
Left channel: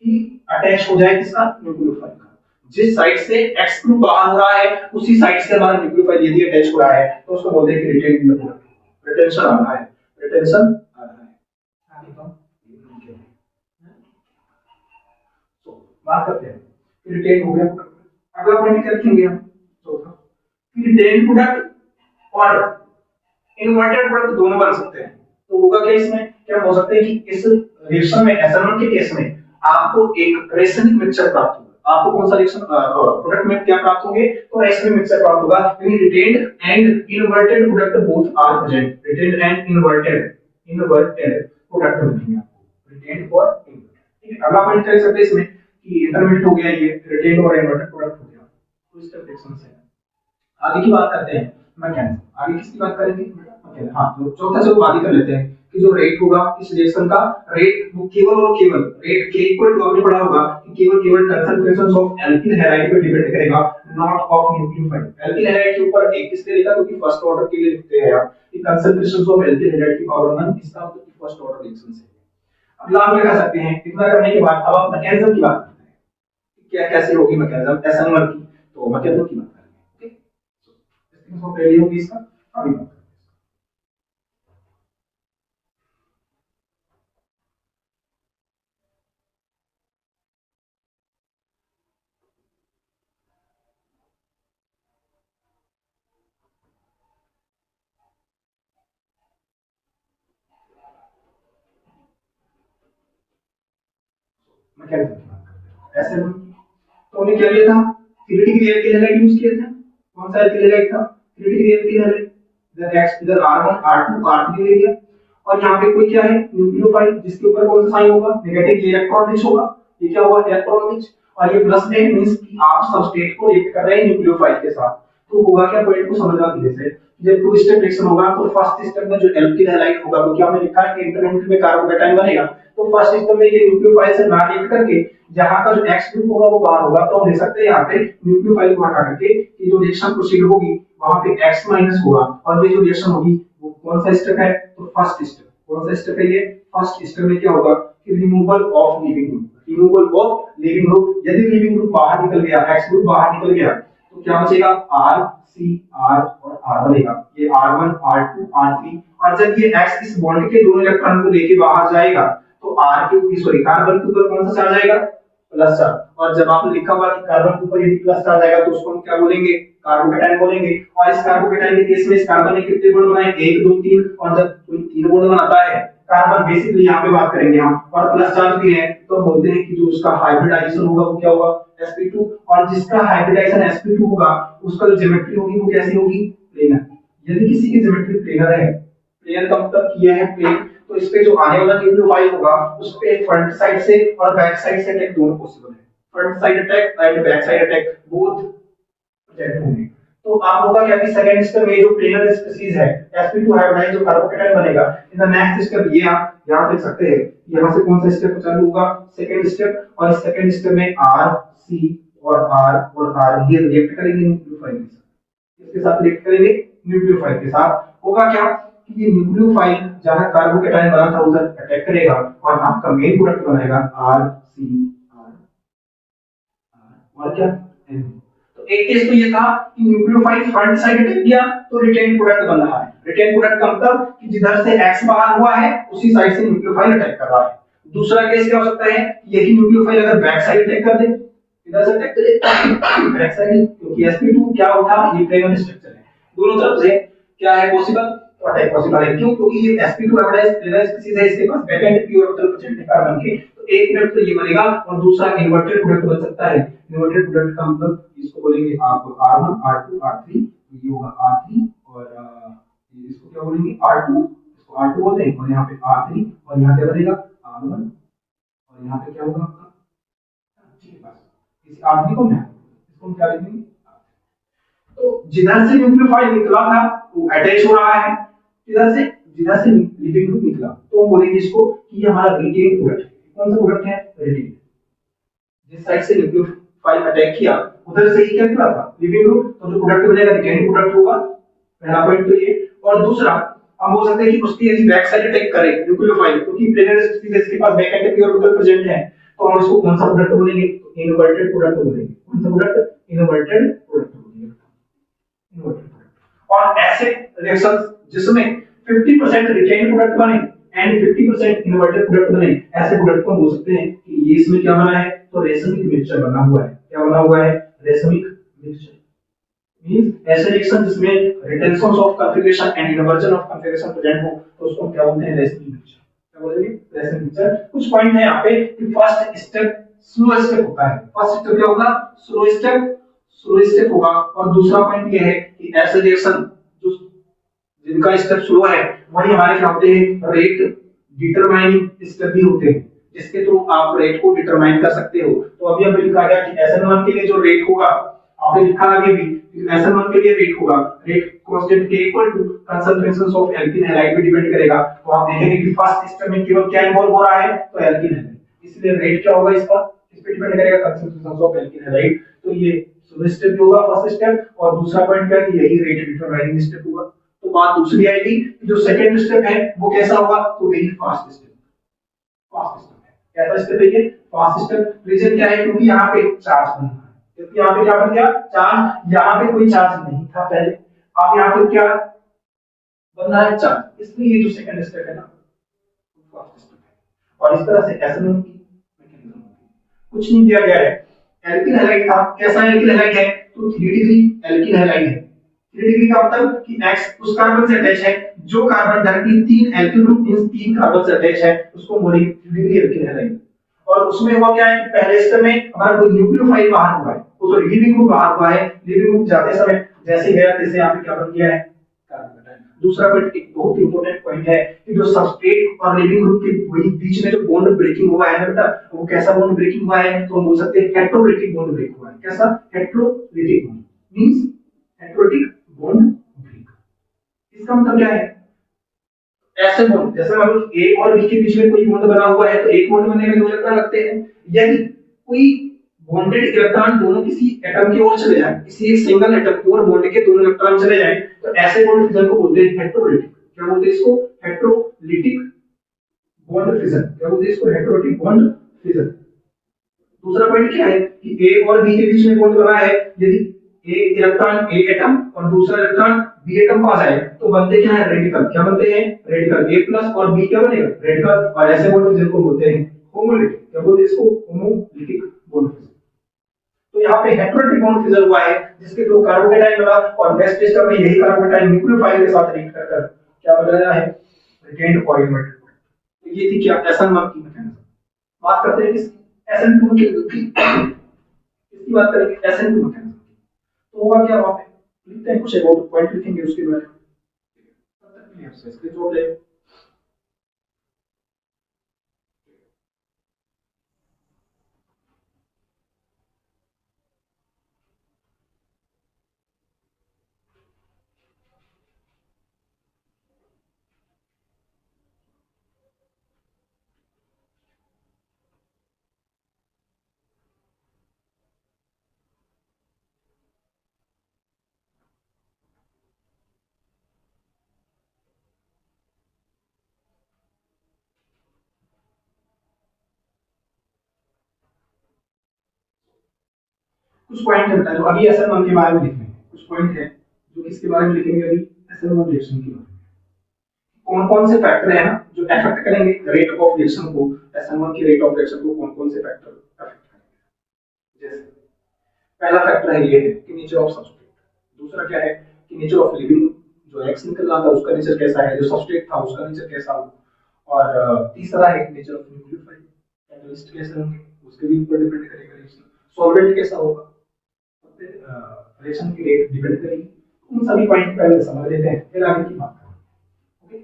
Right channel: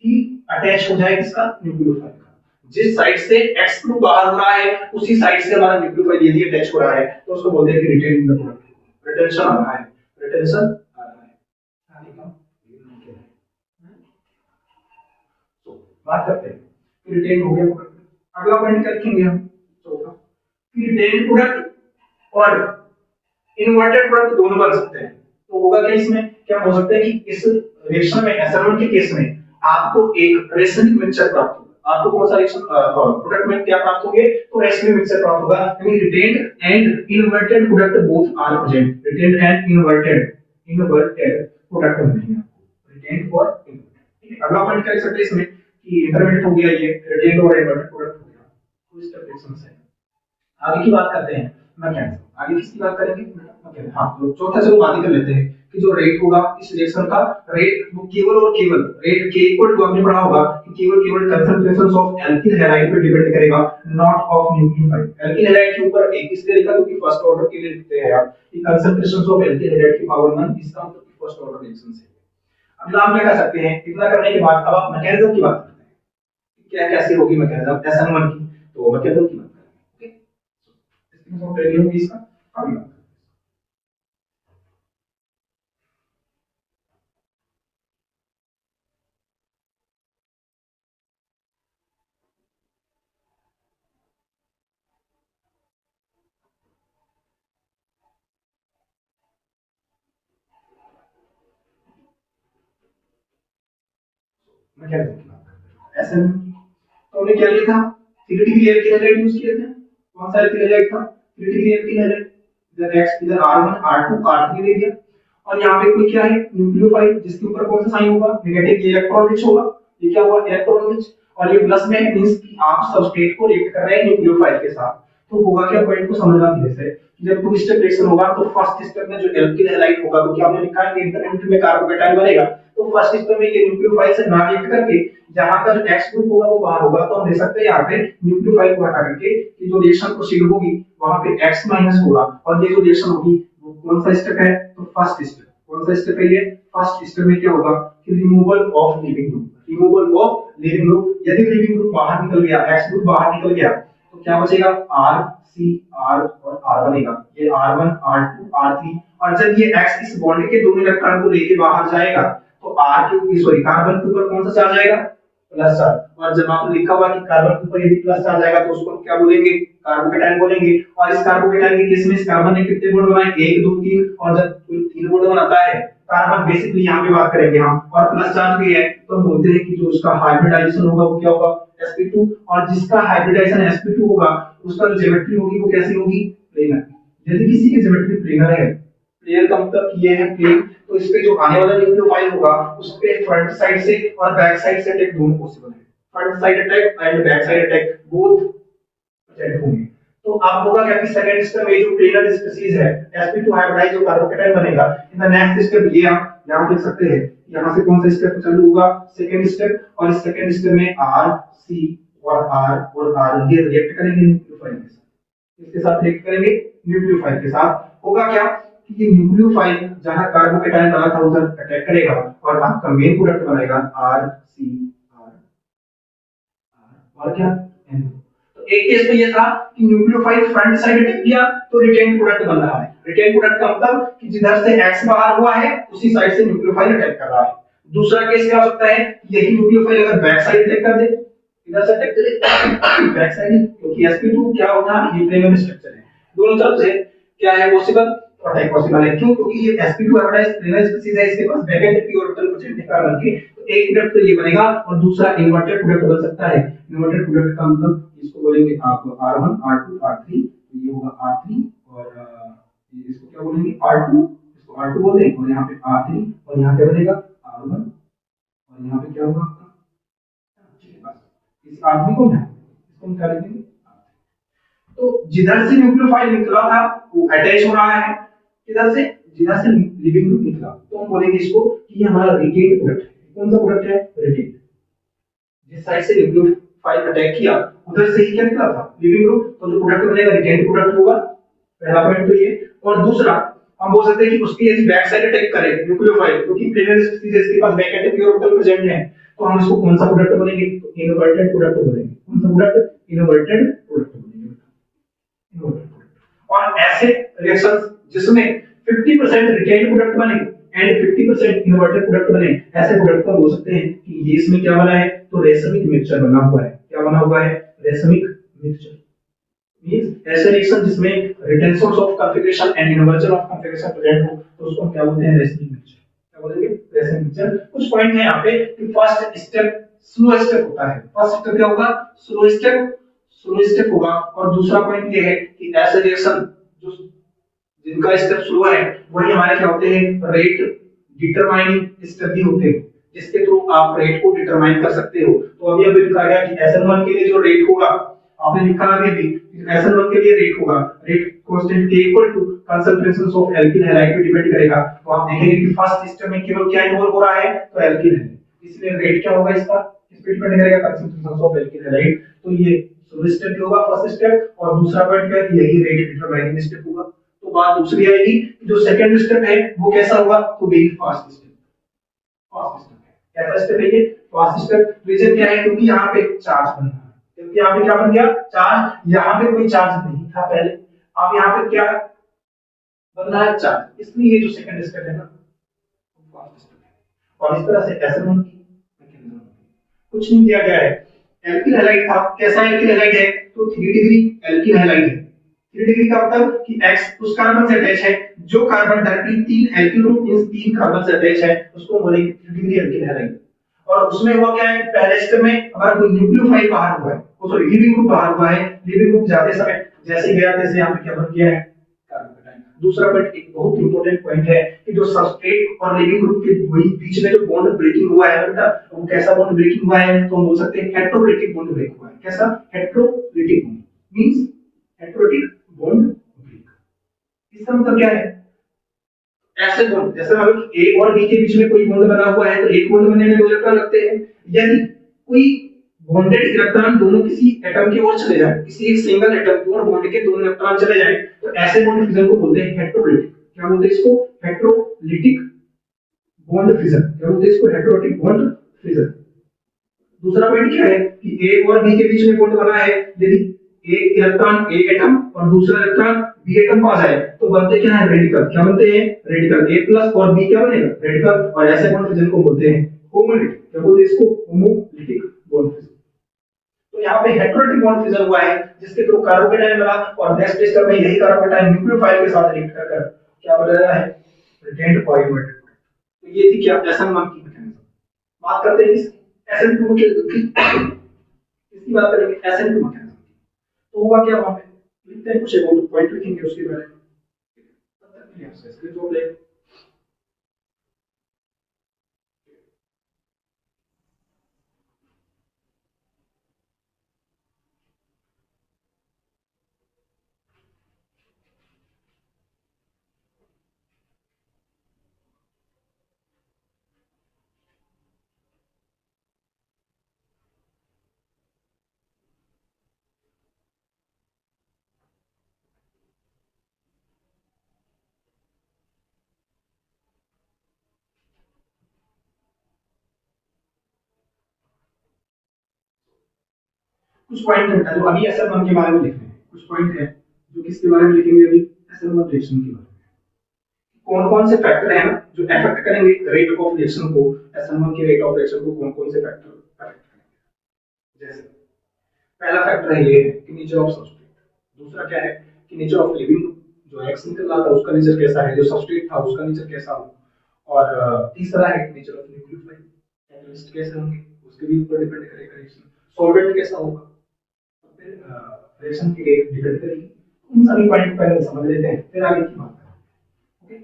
ही अटैच हो जाए किसका, न्यूक्लियोफाइल का। जिस साइड से X ग्रुप बाहर हो रहा है उसी साइड से हमारा न्यूक्लियोफाइल यदि अटैच हो रहा है तो उसको बोलते हैं कि retain in the product, retention आ रहा है, रिटेंशन आ रहा है। तो बात करते हैं कि रिटेन हो गया प्रोडक्ट। अगला पॉइंट क्या लिखेंगे हम, चौथा कि रिटेन प्रोडक्ट और इन्वर्टेड प्रोडक्ट दोनों बन सकते हैं। तो होगा क्या इसमें, क्या हो सकता है कि इस रिएक्शन में SN1 के केस में आपको एक रेशनिक मिक्सचर प्राप्त होगा। आपको कौन सा रिएक्शन प्रोडक्ट में क्या प्राप्त होंगे, तो रेशनिक मिक्सचर प्राप्त होगा, यानी retained and inverted product both are present. Retained and inverted, inverted product मिलेंगे आपको, रिटेन्ड और अगला पॉइंट क्या लिख सकते हैं इसमें कि इंटरमीडिएट हो गया ये रिटेन और इन्वर्टेड प्रोडक्ट हो गया, फुल स्टेप रिएक्शन है। आगे की बात करते हैं मैकेनिज्म। आगे किसकी बात करेंगे? मैकेनिज्म। हाँ, तो चौथा चलो बात ही कर लेते हैं कि जो रेट होगा इस रिएक्शन का, रेट वो केवल और केवल रेट के इक्वल टू, हमने पढ़ा होगा कि केवल कंसंट्रेशंस ऑफ एल्किल हैलाइड पे डिपेंड करेगा, not of nucleophile. Alkyl halide के ऊपर एक इसलिए लिखा क्योंकि फर्स्ट ऑर्डर के लिए लिखते हैं आप कि कंसंट्रेशंस ऑफ एल्किल हैलाइड की पावर 1, इसका मतलब कि फर्स्ट ऑर्डर रिएक्शन है। अगला आप क्या कर सकते हैं, इतना करने के बाद अब आप मैकेनिज्म की बात करते हैं, क्या कैसी होगी मैकेनिज्म SN1 की, तो मैकेनिज्म की बात करेंगे। ओके, इसको पहले होगी इसका अभी मैकेनिज्म की बात करते हैं। SN1 की तो हमने क्या लिया था, 3 डिग्री एल्किल हैलाइड यूज किया था। कौन सा एल्किल हैलाइड था? 3 डिग्री एल्किल हैलाइड। इधर x इधर R1 R2 R3 ले लिया और यहाँ पे कोई क्या है न्यूक्लियोफाइल, जिसके ऊपर कौन सा साइन होगा? नेगेटिव इलेक्ट्रॉन रिच होगा। ये क्या होगा? Electron rich. और ये प्लस में मींस कि आप सबस्ट्रेट को रिएक्ट कर रहे हैं न्यूक्लियोफाइल के साथ। तो होगा क्या, पॉइंट को समझना धीरे से। जब टू स्टेप रिएक्शन होगा तो फर्स्ट स्टेप में जो एल्किल हैलाइड होगा, क्योंकि हमने लिखा है कि इंटरमीडिएट में कार्बोकेटाइन बनेगा, तो फर्स्ट स्टेप में ये न्यूक्लियोफाइल से ना रिएक्ट करके जहां का जो एक्स ग्रुप होगा वो बाहर होगा, तो हम लिख सकते हैं यहाँ पे न्यूक्लियोफाइल को हटा करके ये जो रिएक्शन प्रोसीड होगी वहां पे x माइनस होगा और ये जो रिएक्शन होगी वो कौन सा स्टेप है? तो फर्स्ट स्टेप। कौन सा स्टेप है ये? फर्स्ट स्टेप में क्या होगा कि removal of leaving group. Removal of leaving group, यदि लिविंग ग्रुप बाहर निकल गया, एक्स ग्रुप बाहर निकल गया, तो क्या बचेगा? R C R और R बनेगा। ये R1 R2 R3, और जब ये x इस बॉन्ड के दोनों इलेक्ट्रॉन को लेके बाहर जाएगा तो R के ऊपर सॉरी कार्बन के ऊपर कौन सा चार्ज आएगा? Plus charge. और जब आपने लिखा हुआ कि कार्बन के ऊपर यदि प्लस चार्ज आएगा तो उसको हम क्या बोलेंगे? कार्बोकेटाइन बोलेंगे। और इस कार्बोकेटाइन के केस में इस कार्बन ने कितने बॉन्ड बनाए? 1 2 3, और जब कोई 3 बॉन्ड बनाता है कार्बन, बेसिकली यहाँ पे बात करेंगे हम, और प्लस चार्ज भी है, तो हम बोलते हैं कि जो उसका हाइब्रिडाइजेशन होगा वो क्या होगा? sp2। और जिसका हाइब्रिडाइजेशन sp2 होगा उसका जो ज्योमेट्री होगी वो कैसी होगी? प्लेनर। यदि किसी की ज्योमेट्री प्लेनर है, प्लेन का मतलब ये है प्लेन, तो इस पे जो आने वाला न्यूक्लियोफाइल होगा उस पे फ्रंट साइड से और बैक साइड से अटैक दोनों पॉसिबल है। Front side attack and back side attack both present होंगे। तो आप होगा क्या कि सेकंड स्टेप में जो प्लेनर स्पीशीज है sp2 हाइब्रिडाइज जो कार्बोकेटाइन बनेगा, इन द नेक्स्ट स्टेप ये आप यहां देख सकते हैं, यहां से कौन सा स्टेप चालू होगा? Second step. और इस सेकंड स्टेप में R C और R ये रिएक्ट करेंगे न्यूक्लियोफाइल के साथ। इसके साथ रिएक्ट करेंगे न्यूक्लियोफाइल के साथ। होगा क्या कि ये न्यूक्लियोफाइल जहां कार्बोकेटाइन बना था उधर अटैक करेगा और आपका मेन प्रोडक्ट बनाएगा RCR और क्या N। तो एक केस तो ये था कि न्यूक्लियोफाइल फ्रंट साइड अटैक किया तो रिटेन प्रोडक्ट बन रहा है। रिटेन प्रोडक्ट का मतलब कि जिधर से X बाहर हुआ है उसी साइड से न्यूक्लियोफाइल अटैक कर रहा है। दूसरा केस क्या हो सकता है, यही न्यूक्लियोफाइल अगर बैक साइड अटैक कर दे, इधर से अटैक करे बैक साइड, क्योंकि sp2 क्या होता है? ये प्लेनर स्ट्रक्चर है, दोनों तरफ से क्या है पॉसिबल? तो अटैक पॉसिबल है। क्यों? क्योंकि ये sp2 हाइब्रिडाइज्ड प्लेनर स्पीशीज है, इसके पास back end pure orbital present है कार्बन के, तो एक प्रोडक्ट तो ये बनेगा और दूसरा इन्वर्टेड प्रोडक्ट बन सकता है। इन्वर्टेड प्रोडक्ट का मतलब इसको बोलेंगे आप R1 R2 R3, तो ये होगा R3 और इसको क्या बोलेंगे? R2, इसको R2 बोलते हैं, और यहाँ पे R3 और यहाँ क्या बनेगा? R1 और यहाँ पे क्या होगा आपका? इस R3 को यहाँ इसको निकाल देंगे। तो जिधर से न्यूक्लियोफाइल निकला था वो अटैच हो रहा है, जिधर से लिविंग ग्रुप निकला, तो हम बोलेंगे इसको कि ये हमारा रिटेन प्रोडक्ट है। कौन सा प्रोडक्ट है? रिटेन। जिस साइड से न्यूक्लियोफाइल अटैक किया उधर से ही क्या निकला था? लिविंग ग्रुप, तो जो प्रोडक्ट बनेगा रिटेन प्रोडक्ट होगा। पहला पॉइंट तो ये। और दूसरा हम बोल सकते हैं कि उसकी यदि बैक साइड अटैक करे न्यूक्लियोफाइल, क्योंकि प्लेनर स्पीशीज इसके पास back end pure orbital present है, तो हम इसको कौन सा प्रोडक्ट बोलेंगे? तो इनवर्टेड प्रोडक्ट बोलेंगे। कौन सा प्रोडक्ट? इनवर्टेड प्रोडक्ट बोलेंगे। और ऐसे रिएक्शंस जिसमें 50% रिटेन प्रोडक्ट बने एंड 50% इन्वर्टेड प्रोडक्ट बने, ऐसे प्रोडक्ट को हम बोल सकते हैं कि ये इसमें क्या बना है? तो रेसमिक मिक्सचर बना हुआ है। क्या बना हुआ है? Racemic mixture. मींस ऐसे रिएक्शन जिसमें retention of configuration and inversion of configuration present हो, तो उसको क्या बोलते हैं? Racemic mixture. क्या बोलेंगे? Racemic mixture. कुछ पॉइंट है यहाँ पे कि फर्स्ट स्टेप स्लो स्टेप होता है। फर्स्ट स्टेप क्या होगा? स्लो स्टेप होगा। और दूसरा पॉइंट ये है कि ऐसे रिएक्शन जो जिनका स्टेप स्लो है वही हमारे क्या होते हैं? रेट डिटरमाइनिंग स्टेप भी होते हैं। जिसके थ्रू आप रेट को डिटरमाइन कर सकते हो। तो अभी अभी लिखा गया कि SN1 के लिए जो रेट होगा, आपने लिखा अभी अभी SN1 के लिए रेट होगा, rate constant K equal to concentrations of एल्किन हैलाइड पे डिपेंड करेगा। तो आप देखेंगे कि फर्स्ट सिस्टम में केवल क्या इन्वॉल्व हो रहा है, तो एल्किन है, इसलिए रेट क्या होगा इसका, इस पे डिपेंड करेगा कंसंट्रेशंस ऑफ एल्किन हैलाइड। तो ये स्टेप होगा फर्स्ट स्टेप, और दूसरा पॉइंट क्या है कि यही रेट डिटरमाइनिंग स्टेप होगा। तो बात दूसरी आएगी कि जो सेकंड स्टेप है वो कैसा होगा, तो very fast step, fast step है। कैसा स्टेप है ये, फास्ट स्टेप। रीजन क्या है, क्योंकि यहाँ पे चार्ज बन रहा है, क्योंकि यहाँ पे क्या बन गया, चार्ज। यहाँ पे कोई चार्ज नहीं था पहले, अब यहाँ पे क्या बन रहा है, चार्ज, इसलिए ये जो सेकंड स्टेप है ना, फास्ट स्टेप है। और इस तरह से SN1 की मैकेनिज्म कुछ नहीं दिया गया है। एल्किन हैलाइड था, कैसा एल्किन हैलाइड है, तो 3 डिग्री एल्किन हैलाइड है। 3 डिग्री का मतलब कि X उस कार्बन से अटैच है, जो carbon directly 3 alkyl group means 3 carbon से अटैच है, उसको बोलेंगे 3 डिग्री एल्किन हैलाइड। और उसमें हुआ क्या है कि पहले स्टेप में अगर कोई न्यूक्लियोफाइल बाहर हुआ है, तो लिविंग ग्रुप बाहर हुआ है, लिविंग ग्रुप जाते समय जैसे गया तैसे यहाँ पे क्या बन गया है, कार्बन कैटायन। दूसरा पॉइंट एक बहुत इंपॉर्टेंट पॉइंट है कि जो सबस्ट्रेट और लिविंग ग्रुप के बीच में जो बॉन्ड ब्रेकिंग हुआ है बेटा, वो कैसा बॉन्ड ब्रेकिंग हुआ है, तो हम बोल सकते हैं हेटेरोलिटिक बॉन्ड ब्रेक हुआ है। कैसा, heterolytic bond means heterolytic bond break. इसका मतलब क्या है, ऐसे बॉन्ड जैसे हम A और B के बीच में कोई बॉन्ड बना हुआ है, तो एक बॉन्ड बनने में 2 इलेक्ट्रॉन लगते हैं। यदि कोई बॉन्डेड इलेक्ट्रॉन दोनों किसी एटम की ओर चले जाए, किसी एक सिंगल एटम की ओर बॉन्ड के दोनों इलेक्ट्रॉन चले जाएं, तो ऐसे बॉन्ड फिजन को बोलते हैं हेटेरोलिटिक। क्या बोलते हैं इसको, हेटेरोलिटिक बॉन्ड फिजन। क्या बोलते हैं इसको, हेटेरोलिटिक बॉन्ड फिजन। दूसरा पॉइंट क्या है कि A और B के बीच में बॉन्ड बना है, यदि A इलेक्ट्रॉन A एटम और दूसरा इलेक्ट्रॉन B एटम पास जाए, तो बनते क्या है, रेडिकल। क्या बनते हैं, रेडिकल। A प्लस और B क्या बनेगा, रेडिकल। और ऐसे बॉन्ड फिजन को बोलते हैं होमोलिटिक। क्या बोलते हैं इसको, होमोलिटिक बॉन्ड फिजन। तो यहाँ पे हेटेरोलिटिक बॉन्ड फिजन हुआ है, जिसके थ्रू कार्बोकेटाइन बना, और नेक्स्ट स्टेप में यही कार्बोकेटाइन न्यूक्लियोफाइल के साथ रिएक्ट कर क्या बन रहा है, रिटेन्ड पॉलीमर। तो ये थी क्या, SN1 की मैकेनिज्म। बात करते हैं SN2 की, इसकी बात करेंगे SN2 मैकेनिज्म। तो होगा क्या, वहां पे लिखते हैं कुछ अबाउट पॉइंट लिखेंगे उसके बारे में, तब तक के लिए आप स्क्रीनशॉट ले। कुछ पॉइंट है बेटा जो अभी SN1 के बारे में लिख रहे हैं, कुछ पॉइंट है जो किसके बारे में लिखेंगे, अभी SN1 रिएक्शन के बारे में। कौन कौन से फैक्टर हैं ना जो अफेक्ट करेंगे रेट ऑफ रिएक्शन को, SN1 के रेट ऑफ रिएक्शन को कौन कौन से फैक्टर अफेक्ट करेंगे। जैसे पहला फैक्टर है ये है कि नेचर ऑफ सबस्ट्रेट। दूसरा क्या है कि नेचर ऑफ लिविंग, जो एक्स निकल रहा था उसका नेचर कैसा है, जो सबस्ट्रेट था उसका नेचर कैसा हो। और तीसरा है नेचर ऑफ न्यूक्लियोफाइल, कैटलिस्ट कैसे होंगे उसके भी ऊपर डिपेंड करेगा रिएक्शन। सॉल्वेंट कैसा होगा, रिएक्शन की रेट डिपेंड करेगी। उन सभी पॉइंट पहले समझ लेते हैं, फिर आगे की बात करें। ओके,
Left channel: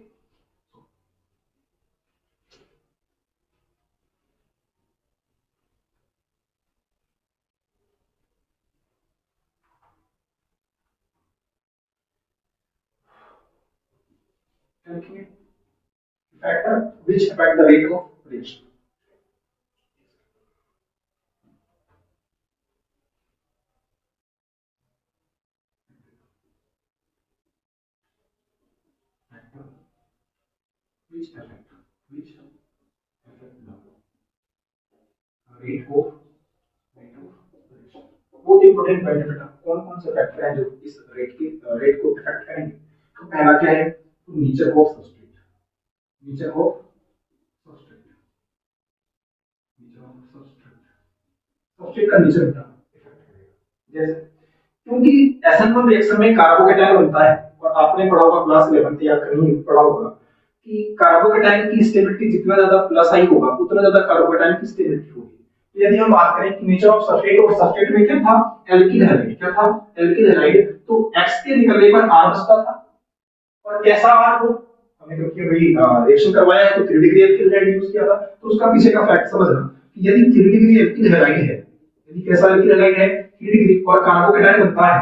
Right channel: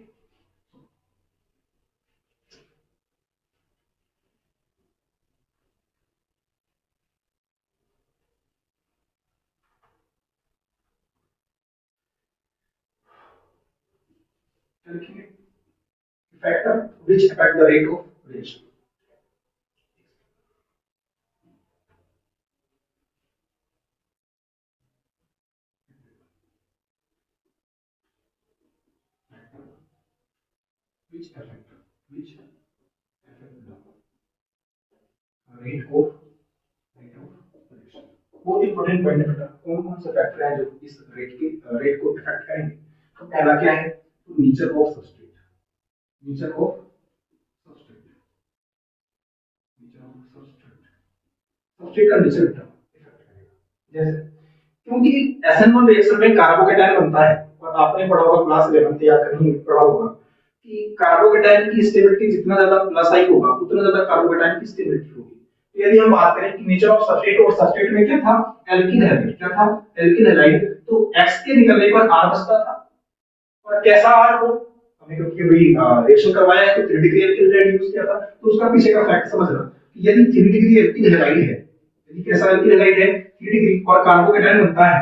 लिखेंगे factor which affect the rate of reaction. Factor which affect the rate of reaction. बहुत इंपॉर्टेंट पॉइंट है बेटा, कौन कौन से फैक्टर हैं जो इस रेट को इफेक्ट करेंगे। तो पहला क्या है, तो nature of substrate, nature of substrate, nature of substrate, substrate का नेचर बेटा इफेक्ट करेगा। जैसे क्योंकि SN1 रिएक्शन में कार्बोकेटाइन बनता है, और आपने पढ़ा होगा क्लास 11 या कहीं पढ़ा होगा कि कार्बोकेटाइन की स्टेबिलिटी जितना ज्यादा प्लस आई होगा उतना ज्यादा कार्बोकेटाइन की स्टेबिलिटी होगी। यदि हम बात करें कि नेचर ऑफ सबस्ट्रेट, और सबस्ट्रेट में क्या था, एल्किन हैलाइड। क्या था, एल्किन हैलाइड। तो X के निकलने पर R बचता था, और कैसा R हो, क्योंकि अभी रिएक्शन करवाया है तो 3 डिग्री एल्किल हैलाइड यूज किया था, तो उसका पीछे का फैक्ट समझना कि यदि 3 डिग्री एल्किल हैलाइड है, यदि कैसा एल्किल हैलाइड है 3 डिग्री और कार्बोकेटायन बनता है,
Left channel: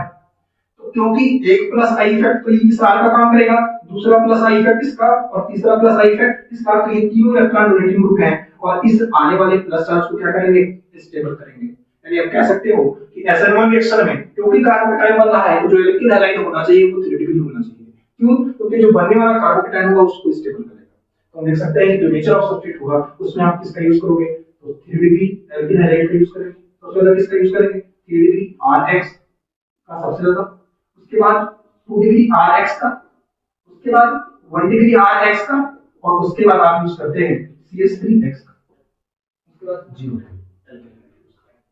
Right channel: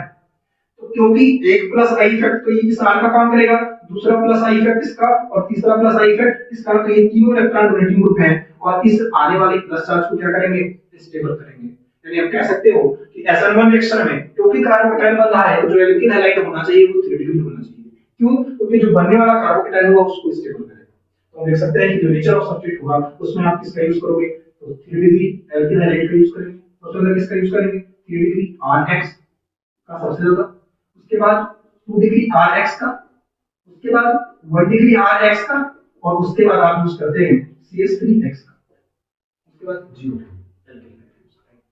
तो क्योंकि एक प्लस आई इफेक्ट तो ये इस आर का काम करेगा, दूसरा प्लस आई इफेक्ट इसका और तीसरा प्लस आई इफेक्ट इसका, तो ये तीनों इलेक्ट्रॉन डोनेटिंग ग्रुप हैं और इस आने वाले प्लस चार्ज को क्या करेंगे, स्टेबल करेंगे। यानी आप कह सकते हो कि SN1 रिएक्शन में क्योंकि कार्बोकेटायन बन रहा है तो जो एल्किल हैलाइड होना चाहिए वो 3 डिग्री होना चाहिए। क्यों? क्योंकि जो बनने वाला कार्बोकेटायन होगा उसको स्टेबल करेगा। तो हम देख सकते हैं कि जो नेचर ऑफ सब्सट्रेट होगा उसमें आप किसका यूज करोगे, तो 3 डिग्री एल्किल हैलाइड का यूज करेंगे। तो उसके बाद किसका यूज करेंगे, 3 डिग्री RX का सबसे ज्यादा, उसके बाद 2 डिग्री RX का, उसके बाद 1 डिग्री RX का और उसके बाद आप यूज करते हैं CH3X का, उसके बाद 0 एल्किल हैलाइड यूज करेंगे।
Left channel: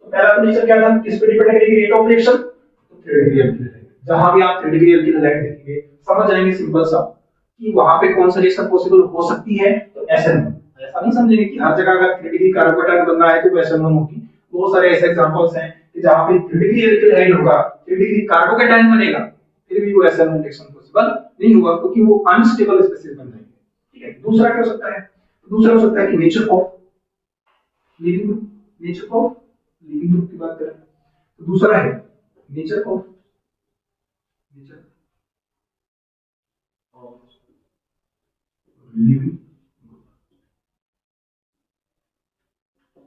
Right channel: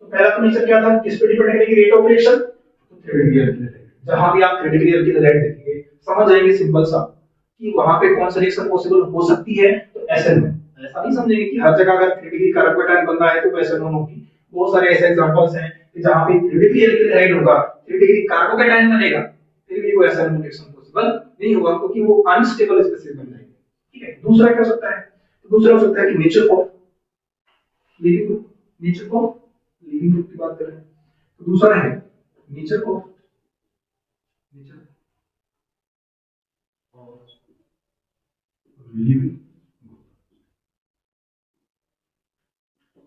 तो पहला तो नेचर क्या था, किस पे डिपेंड करेगी, रेट ऑफ रिएक्शन, तो 3 डिग्री एल्किल हैलाइड। जहां भी आप 3 डिग्री एल्किल हैलाइड देखेंगे समझ जाएंगे सिंपल सा कि वहां पे कौन सा रिएक्शन पॉसिबल हो सकती है, तो SN1। ऐसा नहीं समझेंगे कि हर जगह अगर 3 डिग्री कार्बोकेटायन बन रहा है तो वो SN1 होगी। बहुत सारे ऐसे एग्जांपल्स हैं कि जहां पे 3 डिग्री एल्किल हैलाइड होगा, 3 डिग्री कार्बोकेटायन बनेगा, फिर भी वो SN1 रिएक्शन पॉसिबल नहीं होगा क्योंकि वो अनस्टेबल स्पेसीज बन जाएगी। ठीक है, दूसरा क्या हो सकता है, तो दूसरा हो सकता है कि nature of leaving group, nature of leaving group की बात करें तो दूसरा है nature of living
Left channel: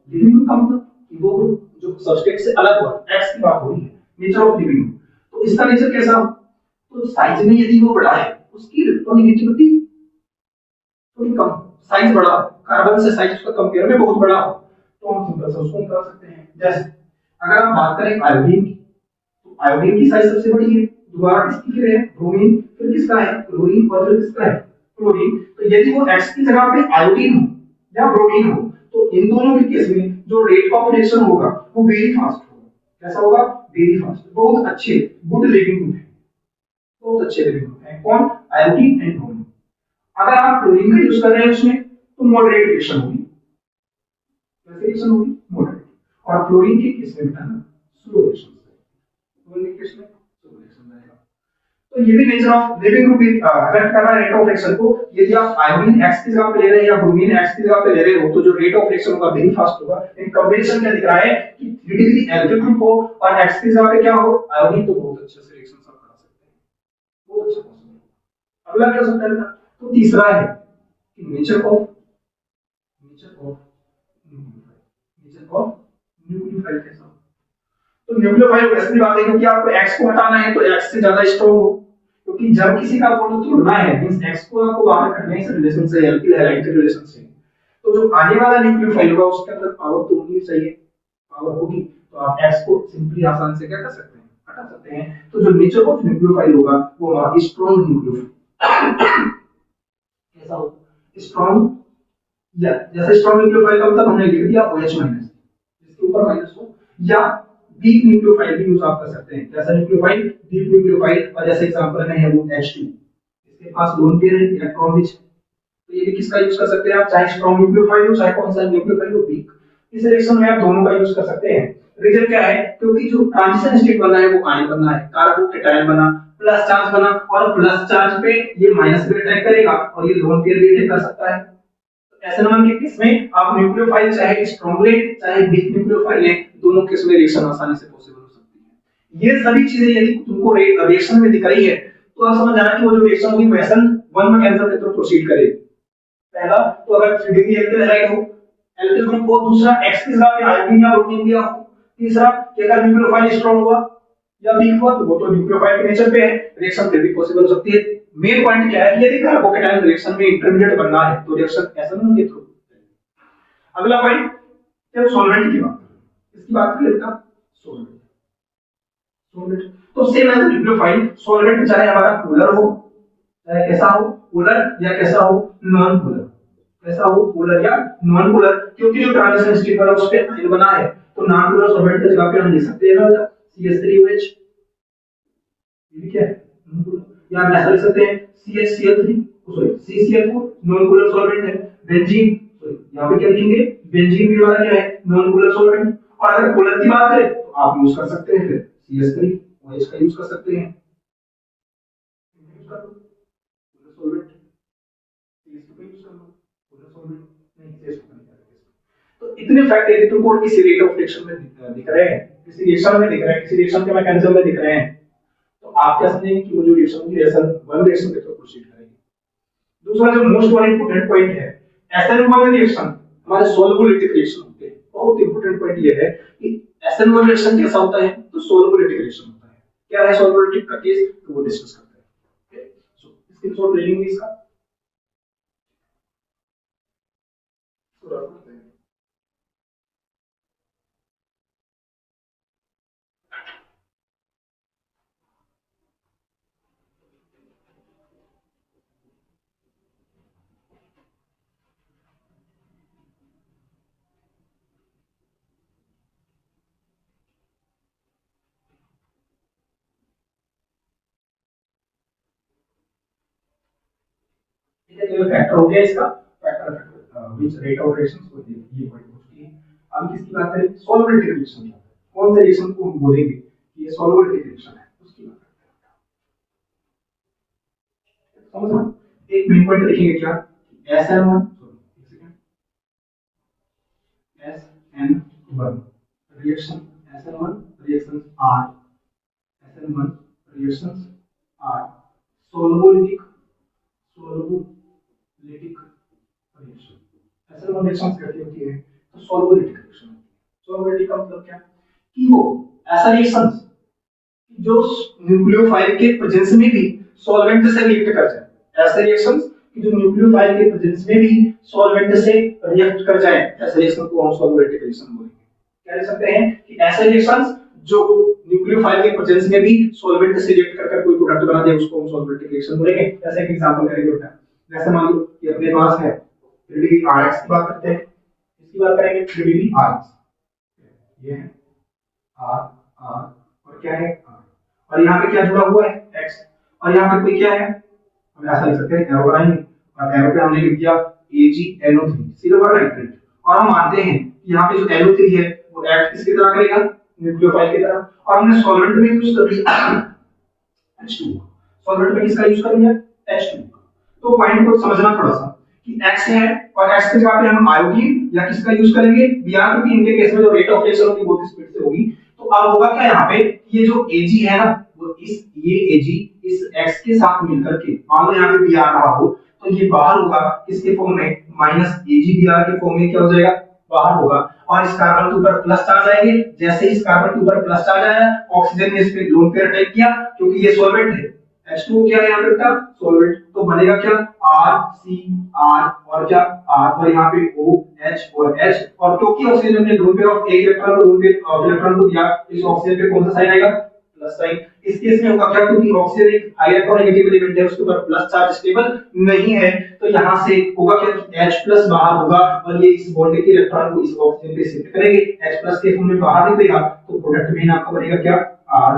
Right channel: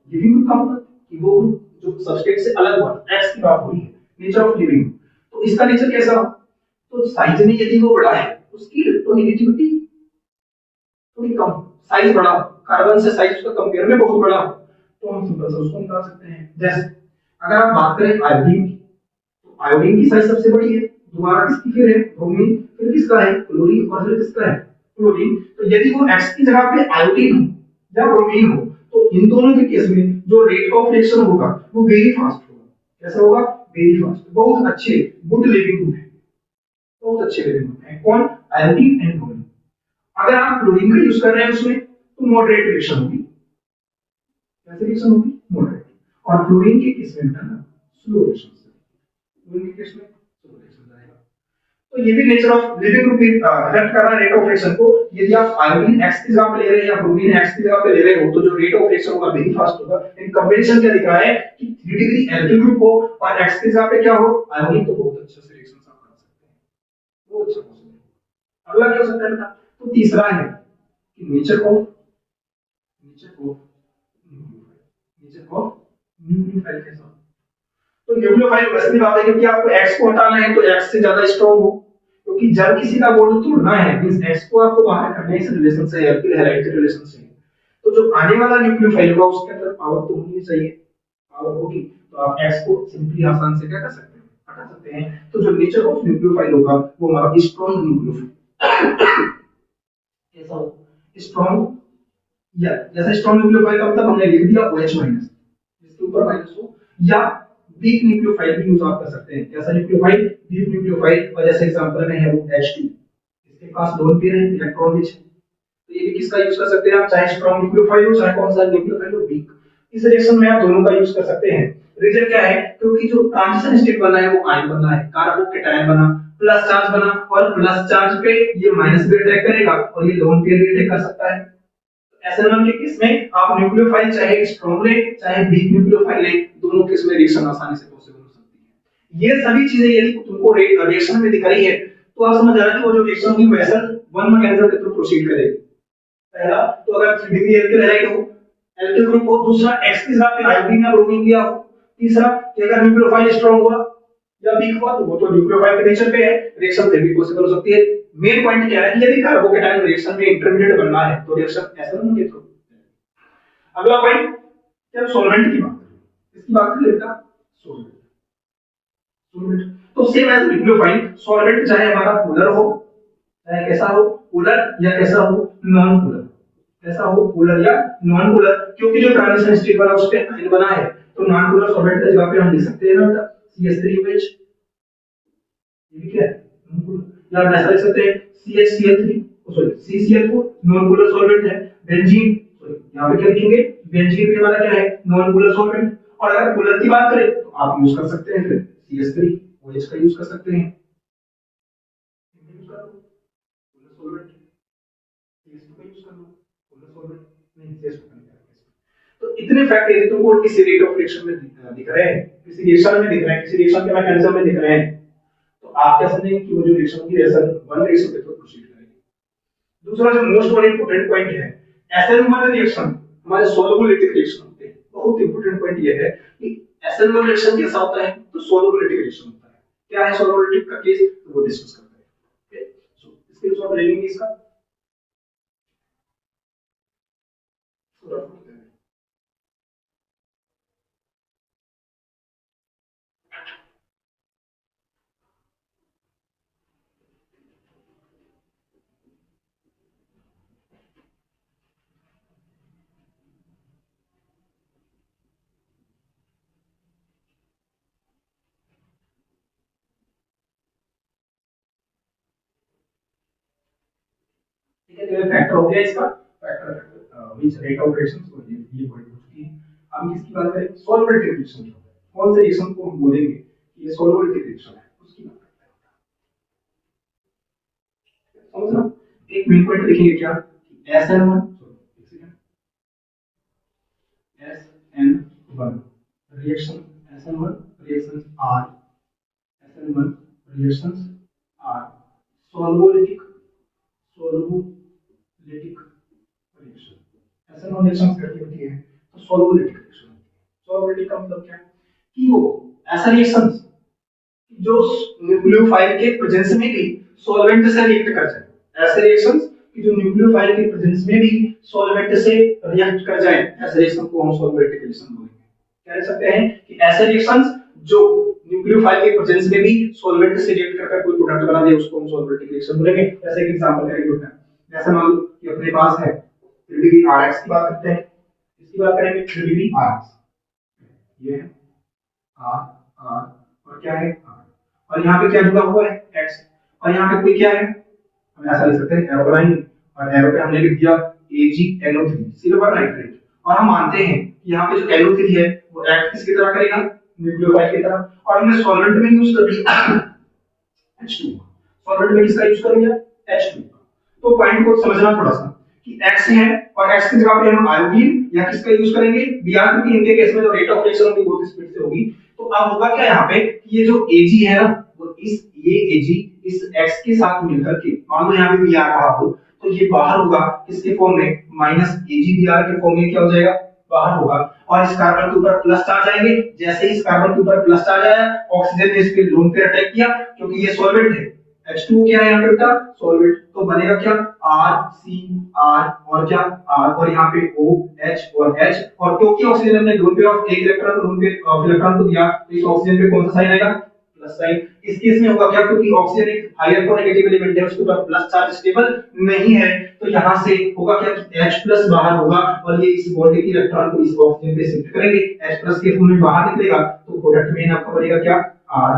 leaving group का मतलब कि वो ग्रुप जो सबस्ट्रेट से अलग हुआ, एक्स की बात हो रही है, नेचर ऑफ लिविंग ग्रुप। तो इसका नेचर कैसा हो, तो साइज में यदि वो बड़ा है उसकी इलेक्ट्रोनेगेटिविटी थोड़ी कम, साइज बड़ा, कार्बन से साइज उसका कंपेयर में बहुत बड़ा हो, तो हम सिंपल से उसको निकाल सकते हैं। जैसे अगर आप बात करें आयोडीन की, तो आयोडीन की साइज सबसे बड़ी है, दोबारा किसकी फिर है ब्रोमीन, फिर किसका है क्लोरीन और फिर किसका है क्लोरीन। तो यदि वो एक्स की जगह पे आयोडीन हो या ब्रोमीन हो तो इन दोनों के केस में जो रेट ऑफ रिएक्शन होगा वो वेरी फास्ट होगा। कैसा होगा, वेरी फास्ट। बहुत अच्छे गुड लिविंग ग्रुप है, बहुत अच्छे लिविंग ग्रुप है कौन, आयोडीन एंड ब्रोमीन। अगर आप क्लोरीन का यूज कर रहे हैं उसमें तो मॉडरेट रिएक्शन होगी, कैसे रिएक्शन होगी, मॉडरेट। और फ्लोरीन के केस में बताना स्लो रिएक्शन से, फ्लोरीन के केस में स्लो रिएक्शन रहेगा। तो ये भी nature of leaving group effect कर रहा है रेट ऑफ रिएक्शन को। यदि आप आयोडीन एक्स की जगह पे ले रहे हैं या ब्रोमीन एक्स की जगह पे ले रहे हो तो जो रेट ऑफ रिएक्शन होगा वेरी फास्ट होगा। इन कॉम्बिनेशन क्या दिख रहा है कि 3 डिग्री एल्किल ग्रुप हो और एक्स की जगह पे क्या हो आयोडीन, तो बहुत अच्छे से रिएक्शन आप कर सकते हैं, बहुत अच्छा पॉसिबल। अगला क्या हो सकता है बेटा, तो तीसरा है कि नेचर ऑफ न्यूक्लियोफाइल कैसा हो। तो न्यूक्लियोफाइल वैसे भी बात है क्योंकि आपको एक्स को हटाना है तो एक्स से ज्यादा स्ट्रांग हो, क्योंकि जब किसी का बॉन्ड तोड़ना है मींस एक्स को आपको बाहर करना है इस रिलेशन से, एल्किल हैलाइड के रिलेशन से, तो जो आने वाला न्यूक्लियोफाइल होगा उसके अंदर पावर तो होनी चाहिए, पावर होगी तो आप एक्स को सिंपली आसान से क्या कर सकते हैं, हटा सकते हैं। तो जो नेचर ऑफ न्यूक्लियोफाइल होगा वो हमारा स्ट्रांग न्यूक्लियोफाइल कैसा हो, स्ट्रांग, या जैसे स्ट्रांग न्यूक्लियोफाइल का मतलब हमने लिख दिया OH माइनस जिसके ऊपर माइनस हो, या वीक न्यूक्लियोफाइल भी यूज आप कर सकते हैं। कैसा न्यूक्लियोफाइल, वीक न्यूक्लियोफाइल। और जैसे एग्जांपल में है वो H2, इसके पास लोन पेयर है, इलेक्ट्रॉन रिच, तो ये भी किसका यूज कर सकते हैं आप, चाहे स्ट्रांग न्यूक्लियोफाइल हो चाहे कौन सा न्यूक्लियोफाइल हो वीक। इस रिएक्शन में आप दोनों का यूज कर सकते हैं। रीजन क्या है, क्योंकि जो ट्रांजिशन स्टेट बना है वो आयन बना है, कार्बोकेटायन बना, प्लस चार्ज बना और प्लस चार्ज पे ये माइनस भी अटैक करेगा और ये लोन पेयर भी अटैक कर सकता है। SN1 के केस में आप न्यूक्लियोफाइल चाहे स्ट्रांग ले चाहे वीक न्यूक्लियोफाइल ले, दोनों केस में रिएक्शन आसानी से पॉसिबल हो सकती है। ये सभी चीजें यदि तुमको रिएक्शन में दिख रही है तो आप समझ जाना कि वो जो रिएक्शन होगी वो SN1 मैकेनिज्म के थ्रू प्रोसीड करेगी। पहला तो अगर 3 डिग्री एल्किल हैलाइड हो, एल्किल ग्रुप हो, दूसरा एक्स की जगह पे आयोडीन या ब्रोमीन दिया हो, तीसरा कि अगर न्यूक्लियोफाइल स्ट्रांग हुआ या वीक हुआ तो वो तो न्यूक्लियोफाइल के नेचर पे है, रिएक्शन फिर भी पॉसिबल हो सकती है। मेन पॉइंट क्या है कि यदि कार्बोकेटायन रिएक्शन में इंटरमीडिएट बनना है तो रिएक्शन SN1 के थ्रू। अगला पॉइंट, जब सॉल्वेंट की बात करें, इसकी बात करें बेटा सॉल्वेंट, सॉल्वेंट तो सेम एज न्यूक्लियोफाइल, सॉल्वेंट चाहे हमारा पोलर हो, चाहे कैसा हो पोलर या कैसा हो नॉन पोलर, कैसा हो पोलर या नॉन पोलर, क्योंकि जो ट्रांजिशन स्टेट वाला उस पे आयन बना है तो नॉन पोलर सॉल्वेंट की जगह पे हम लिख सकते हैं ना बेटा CH3OH, ये भी क्या है नॉन पोलर, या हम ऐसा लिख सकते हैं CHCl3, sorry CCl4 non polar solvent है। बेंजीन, सॉरी यहां पे क्या लिखेंगे, बेंजीन भी हमारा क्या है नॉन पोलर सॉल्वेंट। और अगर पोलर की बात करें तो आप यूज कर सकते हैं फिर CH3OH का यूज कर सकते हैं, पोलर सॉल्वेंट। तो इतने फैक्ट यदि तुमको किसी रेट ऑफ रिएक्शन में दिख रहे हैं, किसी रिएक्शन में दिख रहे हैं, किसी रिएक्शन के मैकेनिज्म में दिख रहे हैं, तो आप क्या समझेंगे कि वो जो रिएक्शन की रिएक्शन वन रिएक्शन के थ्रू प्रोसीड करेगी। दूसरा जो मोस्ट वन इंपॉर्टेंट पॉइंट है, SN1 रिएक्शन हमारे सोलुबिलिटिक रिएक्शन होते हैं। बहुत इंपॉर्टेंट पॉइंट ये है कि SN1 रिएक्शन कैसा होता है, तो सोलुबिलिटिक रिएक्शन होता है। क्या है सोलुबिलिटिक का केस, तो वो डिस्कस करते हैं। ओके, सो इसके लिए थोड़ा ट्रेनिंग इसका ठीक है। तो ये फैक्टर हो गया इसका, factor which rate of reaction, तो ये पॉइंट हो चुकी है। अब किसकी बात करें, सोलुबिलिटी रिएक्शन की। कौन से रिएक्शन को हम बोलेंगे कि ये सोलुबिलिटी रिएक्शन है, उसकी बात करते हैं। समझना, एक मेन पॉइंट लिखेंगे क्या, SN1 SN1 reaction, SN1 reactions are SN1 reactions are solubilitic reaction। SN1 reactions कैसी होती है, तो solubilitic reaction होती है। solubility का मतलब क्या है कि वो ऐसा रिएक्शन जो न्यूक्लियोफाइल के प्रेजेंस में भी सॉल्वेंट से रिएक्ट कर जाए, ऐसे रिएक्शंस कि जो न्यूक्लियोफाइल के प्रेजेंस में भी सॉल्वेंट से रिएक्ट कर जाए, ऐसे रिएक्शन को हम सॉल्वेटिक रिएक्शन बोलेंगे। क्या लिख सकते हैं कि ऐसे रिएक्शंस जो न्यूक्लियोफाइल के प्रेजेंस में भी सॉल्वेंट से रिएक्ट कर कोई प्रोडक्ट बना दे, उसको हम सॉल्वेटिक रिएक्शन बोलेंगे। जैसे एक एग्जांपल करेंगे होता है, जैसे मान लो कि अपने पास है 3 डिग्री Rx की बात करते हैं, इसकी बात करेंगे 3 डिग्री Rx, ये है R R और क्या है R, और यहाँ पे क्या जुड़ा हुआ है X, और यहाँ पे कोई क्या है, हम ऐसा लिख सकते हैं, एरो बनाएंगे और एरो पे हमने लिख दिया AgNO3 सिल्वर नाइट्रेट, और हम मानते हैं कि यहाँ पे जो NO3 है वो एक्ट किसकी तरह करेगा, न्यूक्लियोफाइल की तरह, और हमने सॉल्वेंट में यूज कर लिया H2, सॉल्वेंट में किसका यूज कर लिया H2। तो पॉइंट को समझना थोड़ा सा कि X है और X की जगह पे हम आयोडीन या किसका यूज करेंगे Br, क्योंकि इनके केस में जो रेट ऑफ रिएक्शन होगी बहुत स्पीड से होगी। तो अब होगा क्या यहाँ पे, ये जो Ag है ना, वो ये Ag इस X के साथ मिलकर के, मान लो यहाँ पे Br रहा हो, तो ये बाहर होगा किसके फॉर्म में, माइनस AgBr के फॉर्म में क्या हो जाएगा, बाहर होगा, और इस कार्बन के ऊपर प्लस चार्ज आएंगे। जैसे इस कार्बन के ऊपर प्लस चार्ज आया, ऑक्सीजन ने इस पे लोन पेयर अटैक किया, क्योंकि ये सॉल्वेंट है, H2 क्या है यहाँ पे बेटा, सॉल्वेंट, तो बनेगा क्या RCR और क्या R, और यहाँ पे OH और H, और क्योंकि ऑक्सीजन ने लोन पेयर ऑफ एक इलेक्ट्रॉन को लोन पेयर ऑफ इलेक्ट्रॉन को दिया, तो इस ऑक्सीजन पे कौन सा साइन आएगा, प्लस साइन। इस केस में होगा क्या, क्योंकि ऑक्सीजन एक इलेक्ट्रोनेगेटिव एलिमेंट है, उसके ऊपर प्लस चार्ज स्टेबल नहीं है, तो यहाँ से होगा क्या कि H+ बाहर होगा, और ये इस बॉन्ड के इलेक्ट्रॉन को इस ऑक्सीजन पे शिफ्ट करेंगे, H+ के फॉर्म में बाहर निकलेगा, तो प्रोडक्ट में आपका बनेगा क्या R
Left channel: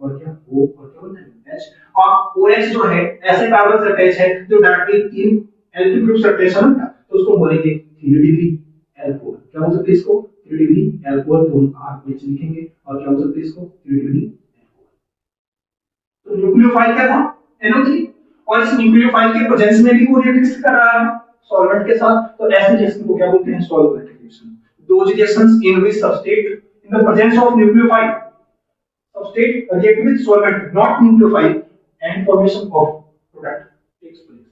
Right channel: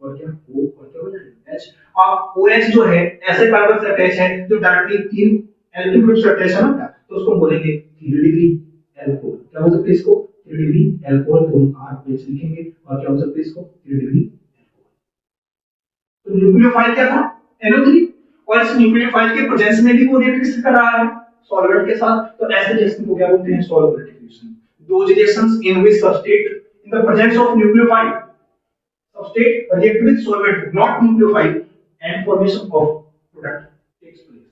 और क्या O और क्या बनेगा H। और OH जो है ऐसे कार्बन से अटैच है जो डायरेक्टली 3 एल्किल ग्रुप से अटैच है ना, तो उसको बोलेंगे 3 डिग्री एल्कोहल। क्या बोल सकते हैं इसको, 3 डिग्री एल्कोहल, तो हम RH लिखेंगे, और क्या बोल सकते हैं इसको 3 डिग्री। तो न्यूक्लियोफाइल क्या था, NO3, और इस न्यूक्लियोफाइल के प्रेजेंस में भी वो रिएक्ट कर रहा है सॉल्वेंट के साथ, तो ऐसे रिएक्शन को क्या बोलते हैं, solvolytic reaction. Those reactions in which substrate in the presence of nucleophile substrate react with solvent not nucleophile and formation of product takes place,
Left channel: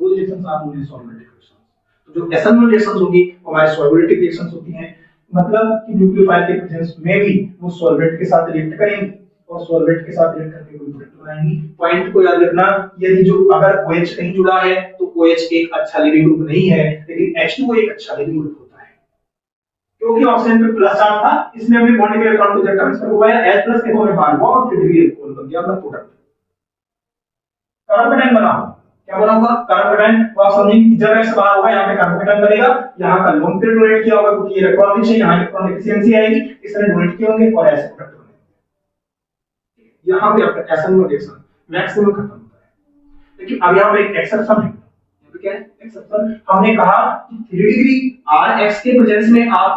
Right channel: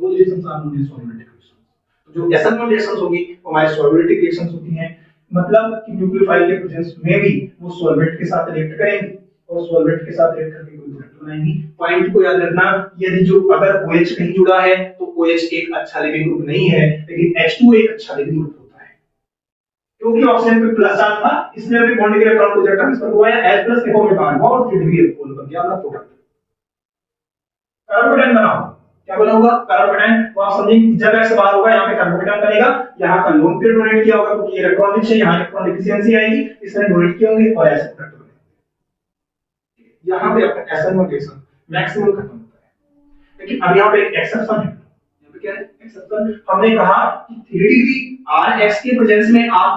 those reactions are known as solventic reactions। तो जो SN1 रिएक्शंस होगी वो हमारी सॉल्वेटिक रिएक्शंस होती हैं, मतलब कि न्यूक्लियोफाइल के प्रेजेंस में भी वो सॉल्वेंट के साथ रिएक्ट करेंगे और सॉल्वेंट के साथ रिएक्ट करके कोई प्रोडक्ट बनाएंगी। पॉइंट को याद रखना, यदि जो अगर OH कहीं जुड़ा है तो OH एक अच्छा लिविंग ग्रुप नहीं है, लेकिन H2O एक अच्छा लिविंग ग्रुप होता है, क्योंकि ऑक्सीजन पे प्लस चार्ज था, इसलिए हमने बॉन्ड के इलेक्ट्रॉन को इलेक्ट्रॉन ट्रांसफर करवाया, H+ के फॉर्म में बाहर हुआ और 3 डिग्री एल्कोहल बन गया अपना प्रोडक्ट। कार्बोकेटाइन बना होगा, क्या बना होगा, कार्बोकेटाइन। तो आप समझेंगे कि जब X बाहर होगा यहाँ पे कार्बोकेटाइन बनेगा, यहाँ का लोन पेयर डोनेट किया होगा क्योंकि इलेक्ट्रॉन रिच है, यहाँ इलेक्ट्रॉन डिफिशियंसी आएगी, इसने डोनेट किए होंगे और ऐसे प्रोडक्ट बनेंगे। यहाँ पे आपका SN1 रिएक्शन मैक्सिमम खत्म होता है, लेकिन अब यहाँ पे एक एक्सेप्शन है। यहाँ पे क्या है एक्सेप्शन, हमने कहा कि 3 डिग्री Rx के प्रेजेंस में आप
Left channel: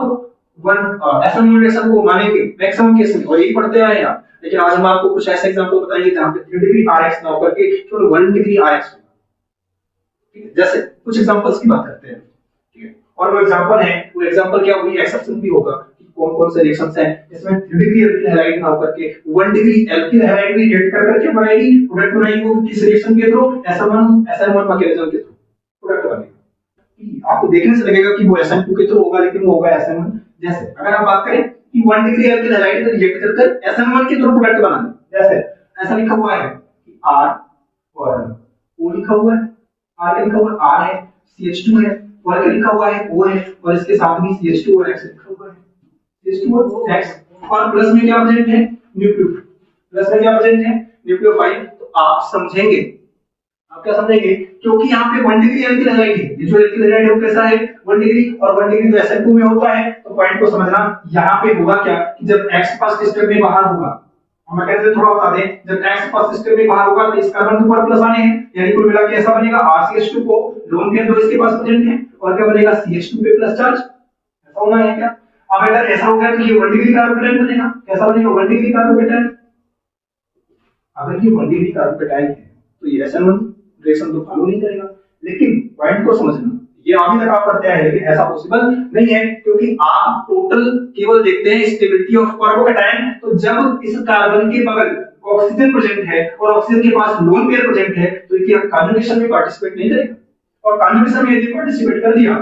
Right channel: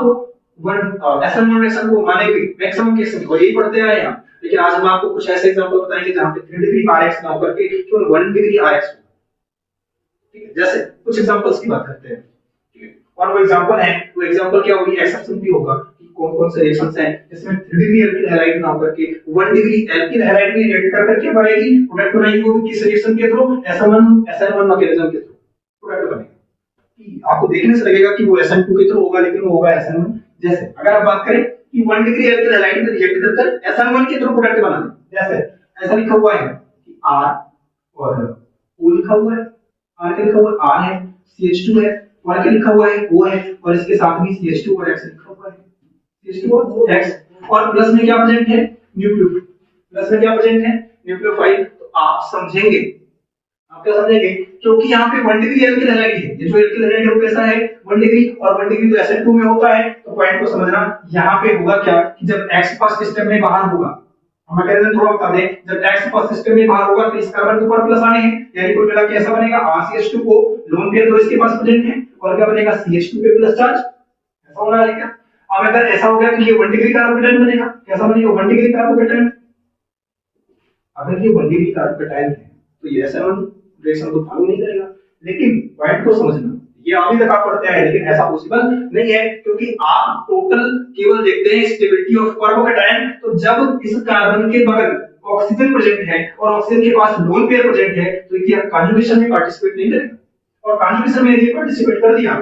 SN1 रिएक्शन को मानेंगे मैक्सिमम केस में, और यही पढ़ते आए हैं। लेकिन आज हम आपको कुछ ऐसे एग्जांपल बताएंगे जहां पे 3 डिग्री Rx ना होकर के केवल 1 डिग्री Rx। ठीक है, जैसे कुछ एग्जांपल्स की बात करते हैं। ठीक है, और वो एग्जांपल है, वो एग्जांपल क्या होगी, एक्सेप्शन भी होगा कि कौन कौन से रिएक्शंस हैं जिसमें 3 डिग्री एल्किल हैलाइड ना होकर के 1 डिग्री एल्किल हैलाइड भी रिएक्ट कर करके बनाएगी, प्रोडक्ट बनाएगी, वो भी किस रिएक्शन के थ्रू, SN1 मैकेनिज्म के थ्रू प्रोडक्ट बनेगा। कि आपको देखने से लगेगा कि वो SN2 के थ्रू होगा, लेकिन वो होगा SN1। जैसे अगर आप बात करें कि 1 डिग्री एल्किल हैलाइड में रिएक्ट कर SN1 के थ्रू प्रोडक्ट बना दे, जैसे ऐसा लिखा हुआ है कि R और O लिखा हुआ है, R के लिखा हुआ R है, CH2 है, और के लिखा हुआ है O है, और इसके साथ भी CH2 और X लिखा हुआ है, CH2 और X, और प्लस में क्या प्रेजेंट है, न्यूक्लियो, प्लस में क्या प्रेजेंट है, न्यूक्लियोफाइल। तो आप समझेंगे, आप क्या समझेंगे, क्योंकि यहाँ पे 1 डिग्री एल्किल हैलाइड है, ये जो एल्किल हैलाइड है वो कैसा है, 1 डिग्री, और 1 डिग्री तो SN2 में होता है, तो पॉइंट को समझना, यहाँ पे होगा क्या कि जब X फर्स्ट स्टेप में बाहर होगा, हमें कहते थोड़ा बता दें, जब X फर्स्ट स्टेप में बाहर होगा तो इस कार्बन के ऊपर प्लस आने हैं, यानी कुल मिला के ऐसा बनेगा RCH2 को लोन पेयर दो इसके पास प्रेजेंट है, और क्या बनेगा CH2 पे प्लस चार्ज, ऐसा होना है क्या। अब अगर ऐसा हो गया कि ये 1 डिग्री कार्बोकेटाइन बनेगा, कैसा बनेगा, 1 डिग्री कार्बोकेटाइन। अगर ये 1 डिग्री कार्बोकेटाइन है तो ये SN1 रिएक्शन को फॉलो नहीं करेगा, लेकिन पॉइंट को समझना, ये अभी तक आप पढ़ते हैं, लेकिन ऐसा पॉसिबल नहीं है, क्योंकि आप टोटल केवल देखते हैं स्टेबिलिटी ऑफ कार्बोकेटाइन। तो जब इस कार्बन के बगल ऑक्सीजन प्रेजेंट है और ऑक्सीजन के पास लोन पेयर प्रेजेंट है, तो ये कन्जुगेशन में पार्टिसिपेट नहीं करेगा, और कन्जुगेशन में यदि पार्टिसिपेट कर दिया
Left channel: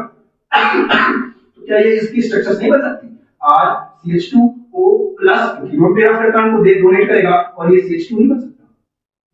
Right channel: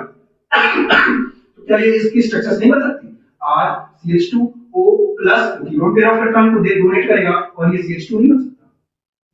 तो क्या ये इसकी स्ट्रक्चर्स नहीं बन सकती, RCH2O प्लस, क्योंकि लोन पेयर ऑफ इलेक्ट्रॉन को दे डोनेट करेगा, और ये CH2 नहीं बन सकता।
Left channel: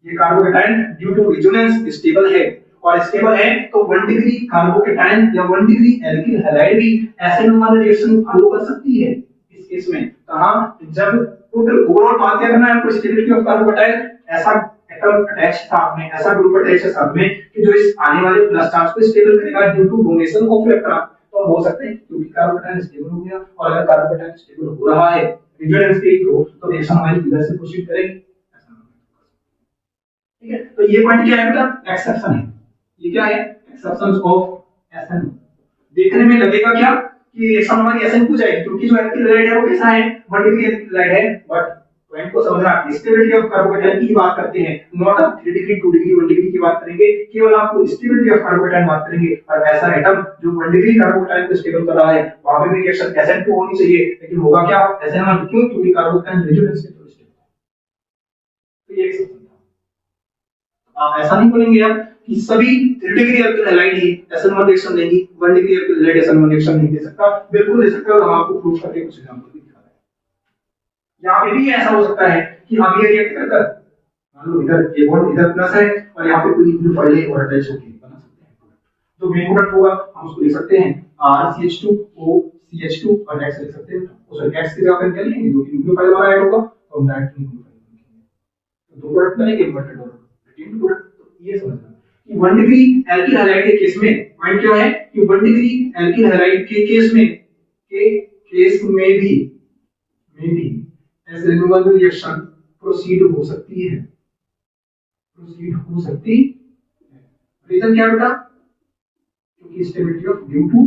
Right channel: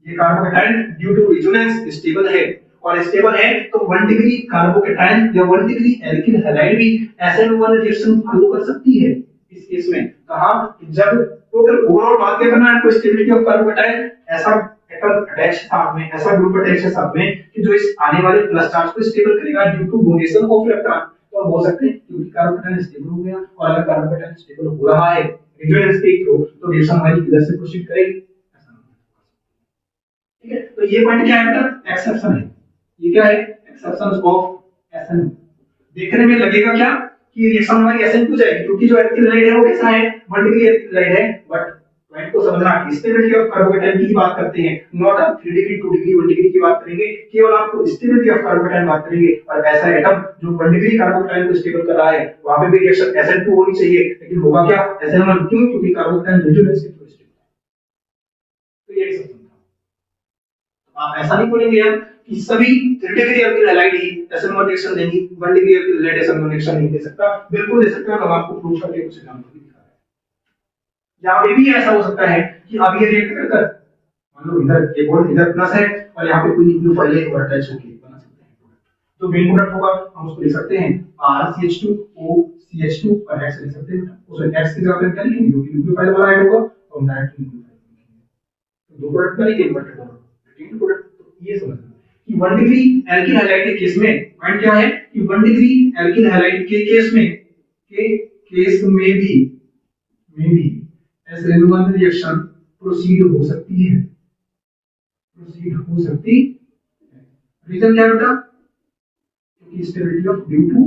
ये carbocation due to resonance stable है, और स्टेबल है तो 1 डिग्री कार्बोकेटाइन या 1 डिग्री एल्किल हैलाइड भी SN1 रिएक्शन फॉलो कर सकती है इस केस में। कहां, जब टोटल ओवरऑल बात क्या करना है, तो स्टेबिलिटी ऑफ कार्बोकेटाइन, ऐसा एटम अटैच साथ में, ऐसा ग्रुप अटैच है साथ में कि जो इस आने वाले प्लस चार्ज को स्टेबल करेगा due to donation of electron. तो हम बोल सकते हैं क्योंकि कार्बोकेटाइन स्टेबल हो गया, और अगर कार्बोकेटाइन स्टेबल हो रहा है रेजोनेंस के थ्रू, तो रिएक्शन हमारी इधर से प्रोसीड करेगी। ठीक है, तो ये पॉइंट क्या है बेटा, एक्सेप्शन है। ये क्या है, एक्सेप्शंस ऑफ SN। देखने में लगेगा क्या कि रिएक्शन हमारी SN2 जाएगी, क्योंकि जो एल्किल हैलाइड है वो कैसा है, 1 डिग्री एल्किल हैलाइड है, बट पॉइंट को समझना कि स्टेबिलिटी ऑफ कार्बोकेटाइन की बात करते हैं, नॉट 3 डिग्री 2 डिग्री 1 डिग्री की बात करेंगे, केवल आपको स्टेबिलिटी ऑफ कार्बोकेटाइन बात करेंगे। और ऐसा एटम जो 1 डिग्री कार्बोकेटाइन को स्टेबल कर रहा है, वहां पे भी रिएक्शन SN2 होनी चाहिए, लेकिन होगा क्या, SN1, क्यों, क्योंकि कार्बोकेटाइन रेजोनेंस के थ्रू स्टेबल है। तो ये एक्सेप्शन था। आप ऐसा नहीं बोलेंगे यार कि सभी 3 डिग्री एल्किल हैलाइड ही SN1 रिएक्शन देंगी, 1 degree alkyl halide SN1 reaction नहीं दे सकता। बिल्कुल दे सकते हो, तो हम आपको प्रूफ करके कुछ एग्जांपल भी दिखा रहे हैं। यहाँ पे भी ऐसा हो सकता है कि अब ये रिएक्ट कर मान लो इधर एक बॉन्ड इधर प्लस है, और यहाँ पे कोई न्यूक्लियोफाइल है और अटैच होके बना सकते हैं प्रोडक्ट। तो मेन प्रोडक्ट होगा, हम उसको लिख सकते हैं RCH2O CH2 और X लिख सकते हैं। उसमें X की जगह पे क्या लिखेंगे, जो कि न्यूक्लियोफाइल हमारा ऐड होगा, तो हम डायरेक्ट न्यूक्लियोफाइल लिखेंगे। तो दो प्रोडक्ट बनेंगे, इन्वर्टेड और रिटेन्ड प्रोडक्ट। तो ये समझना कि 1 डिग्री एल्किल हैलाइड के केस में पॉइंट क्या है कि 1 डिग्री एल्किल हैलाइड के केस में भी SN1 रिएक्शन प्रोसीड हो सकती है, रीजन क्या है बेटा, क्योंकि stability of due to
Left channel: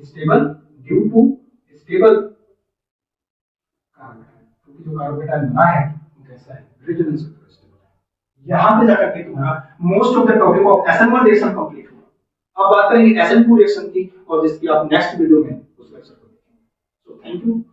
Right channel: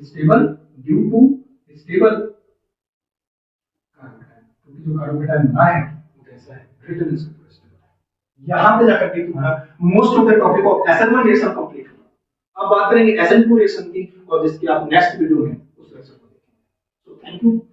stable carbocation, क्योंकि जो कार्बोकेटाइन बना है वो कैसा है, रेजोनेंस के थ्रू स्टेबल है। यहां पे जाकर के तुम्हारा most of the topic of SN1 reaction complete होगा। अब बात करेंगे SN2 रिएक्शन की, और जिसकी आप नेक्स्ट वीडियो में उस लेक्चर को देखेंगे। So thank you.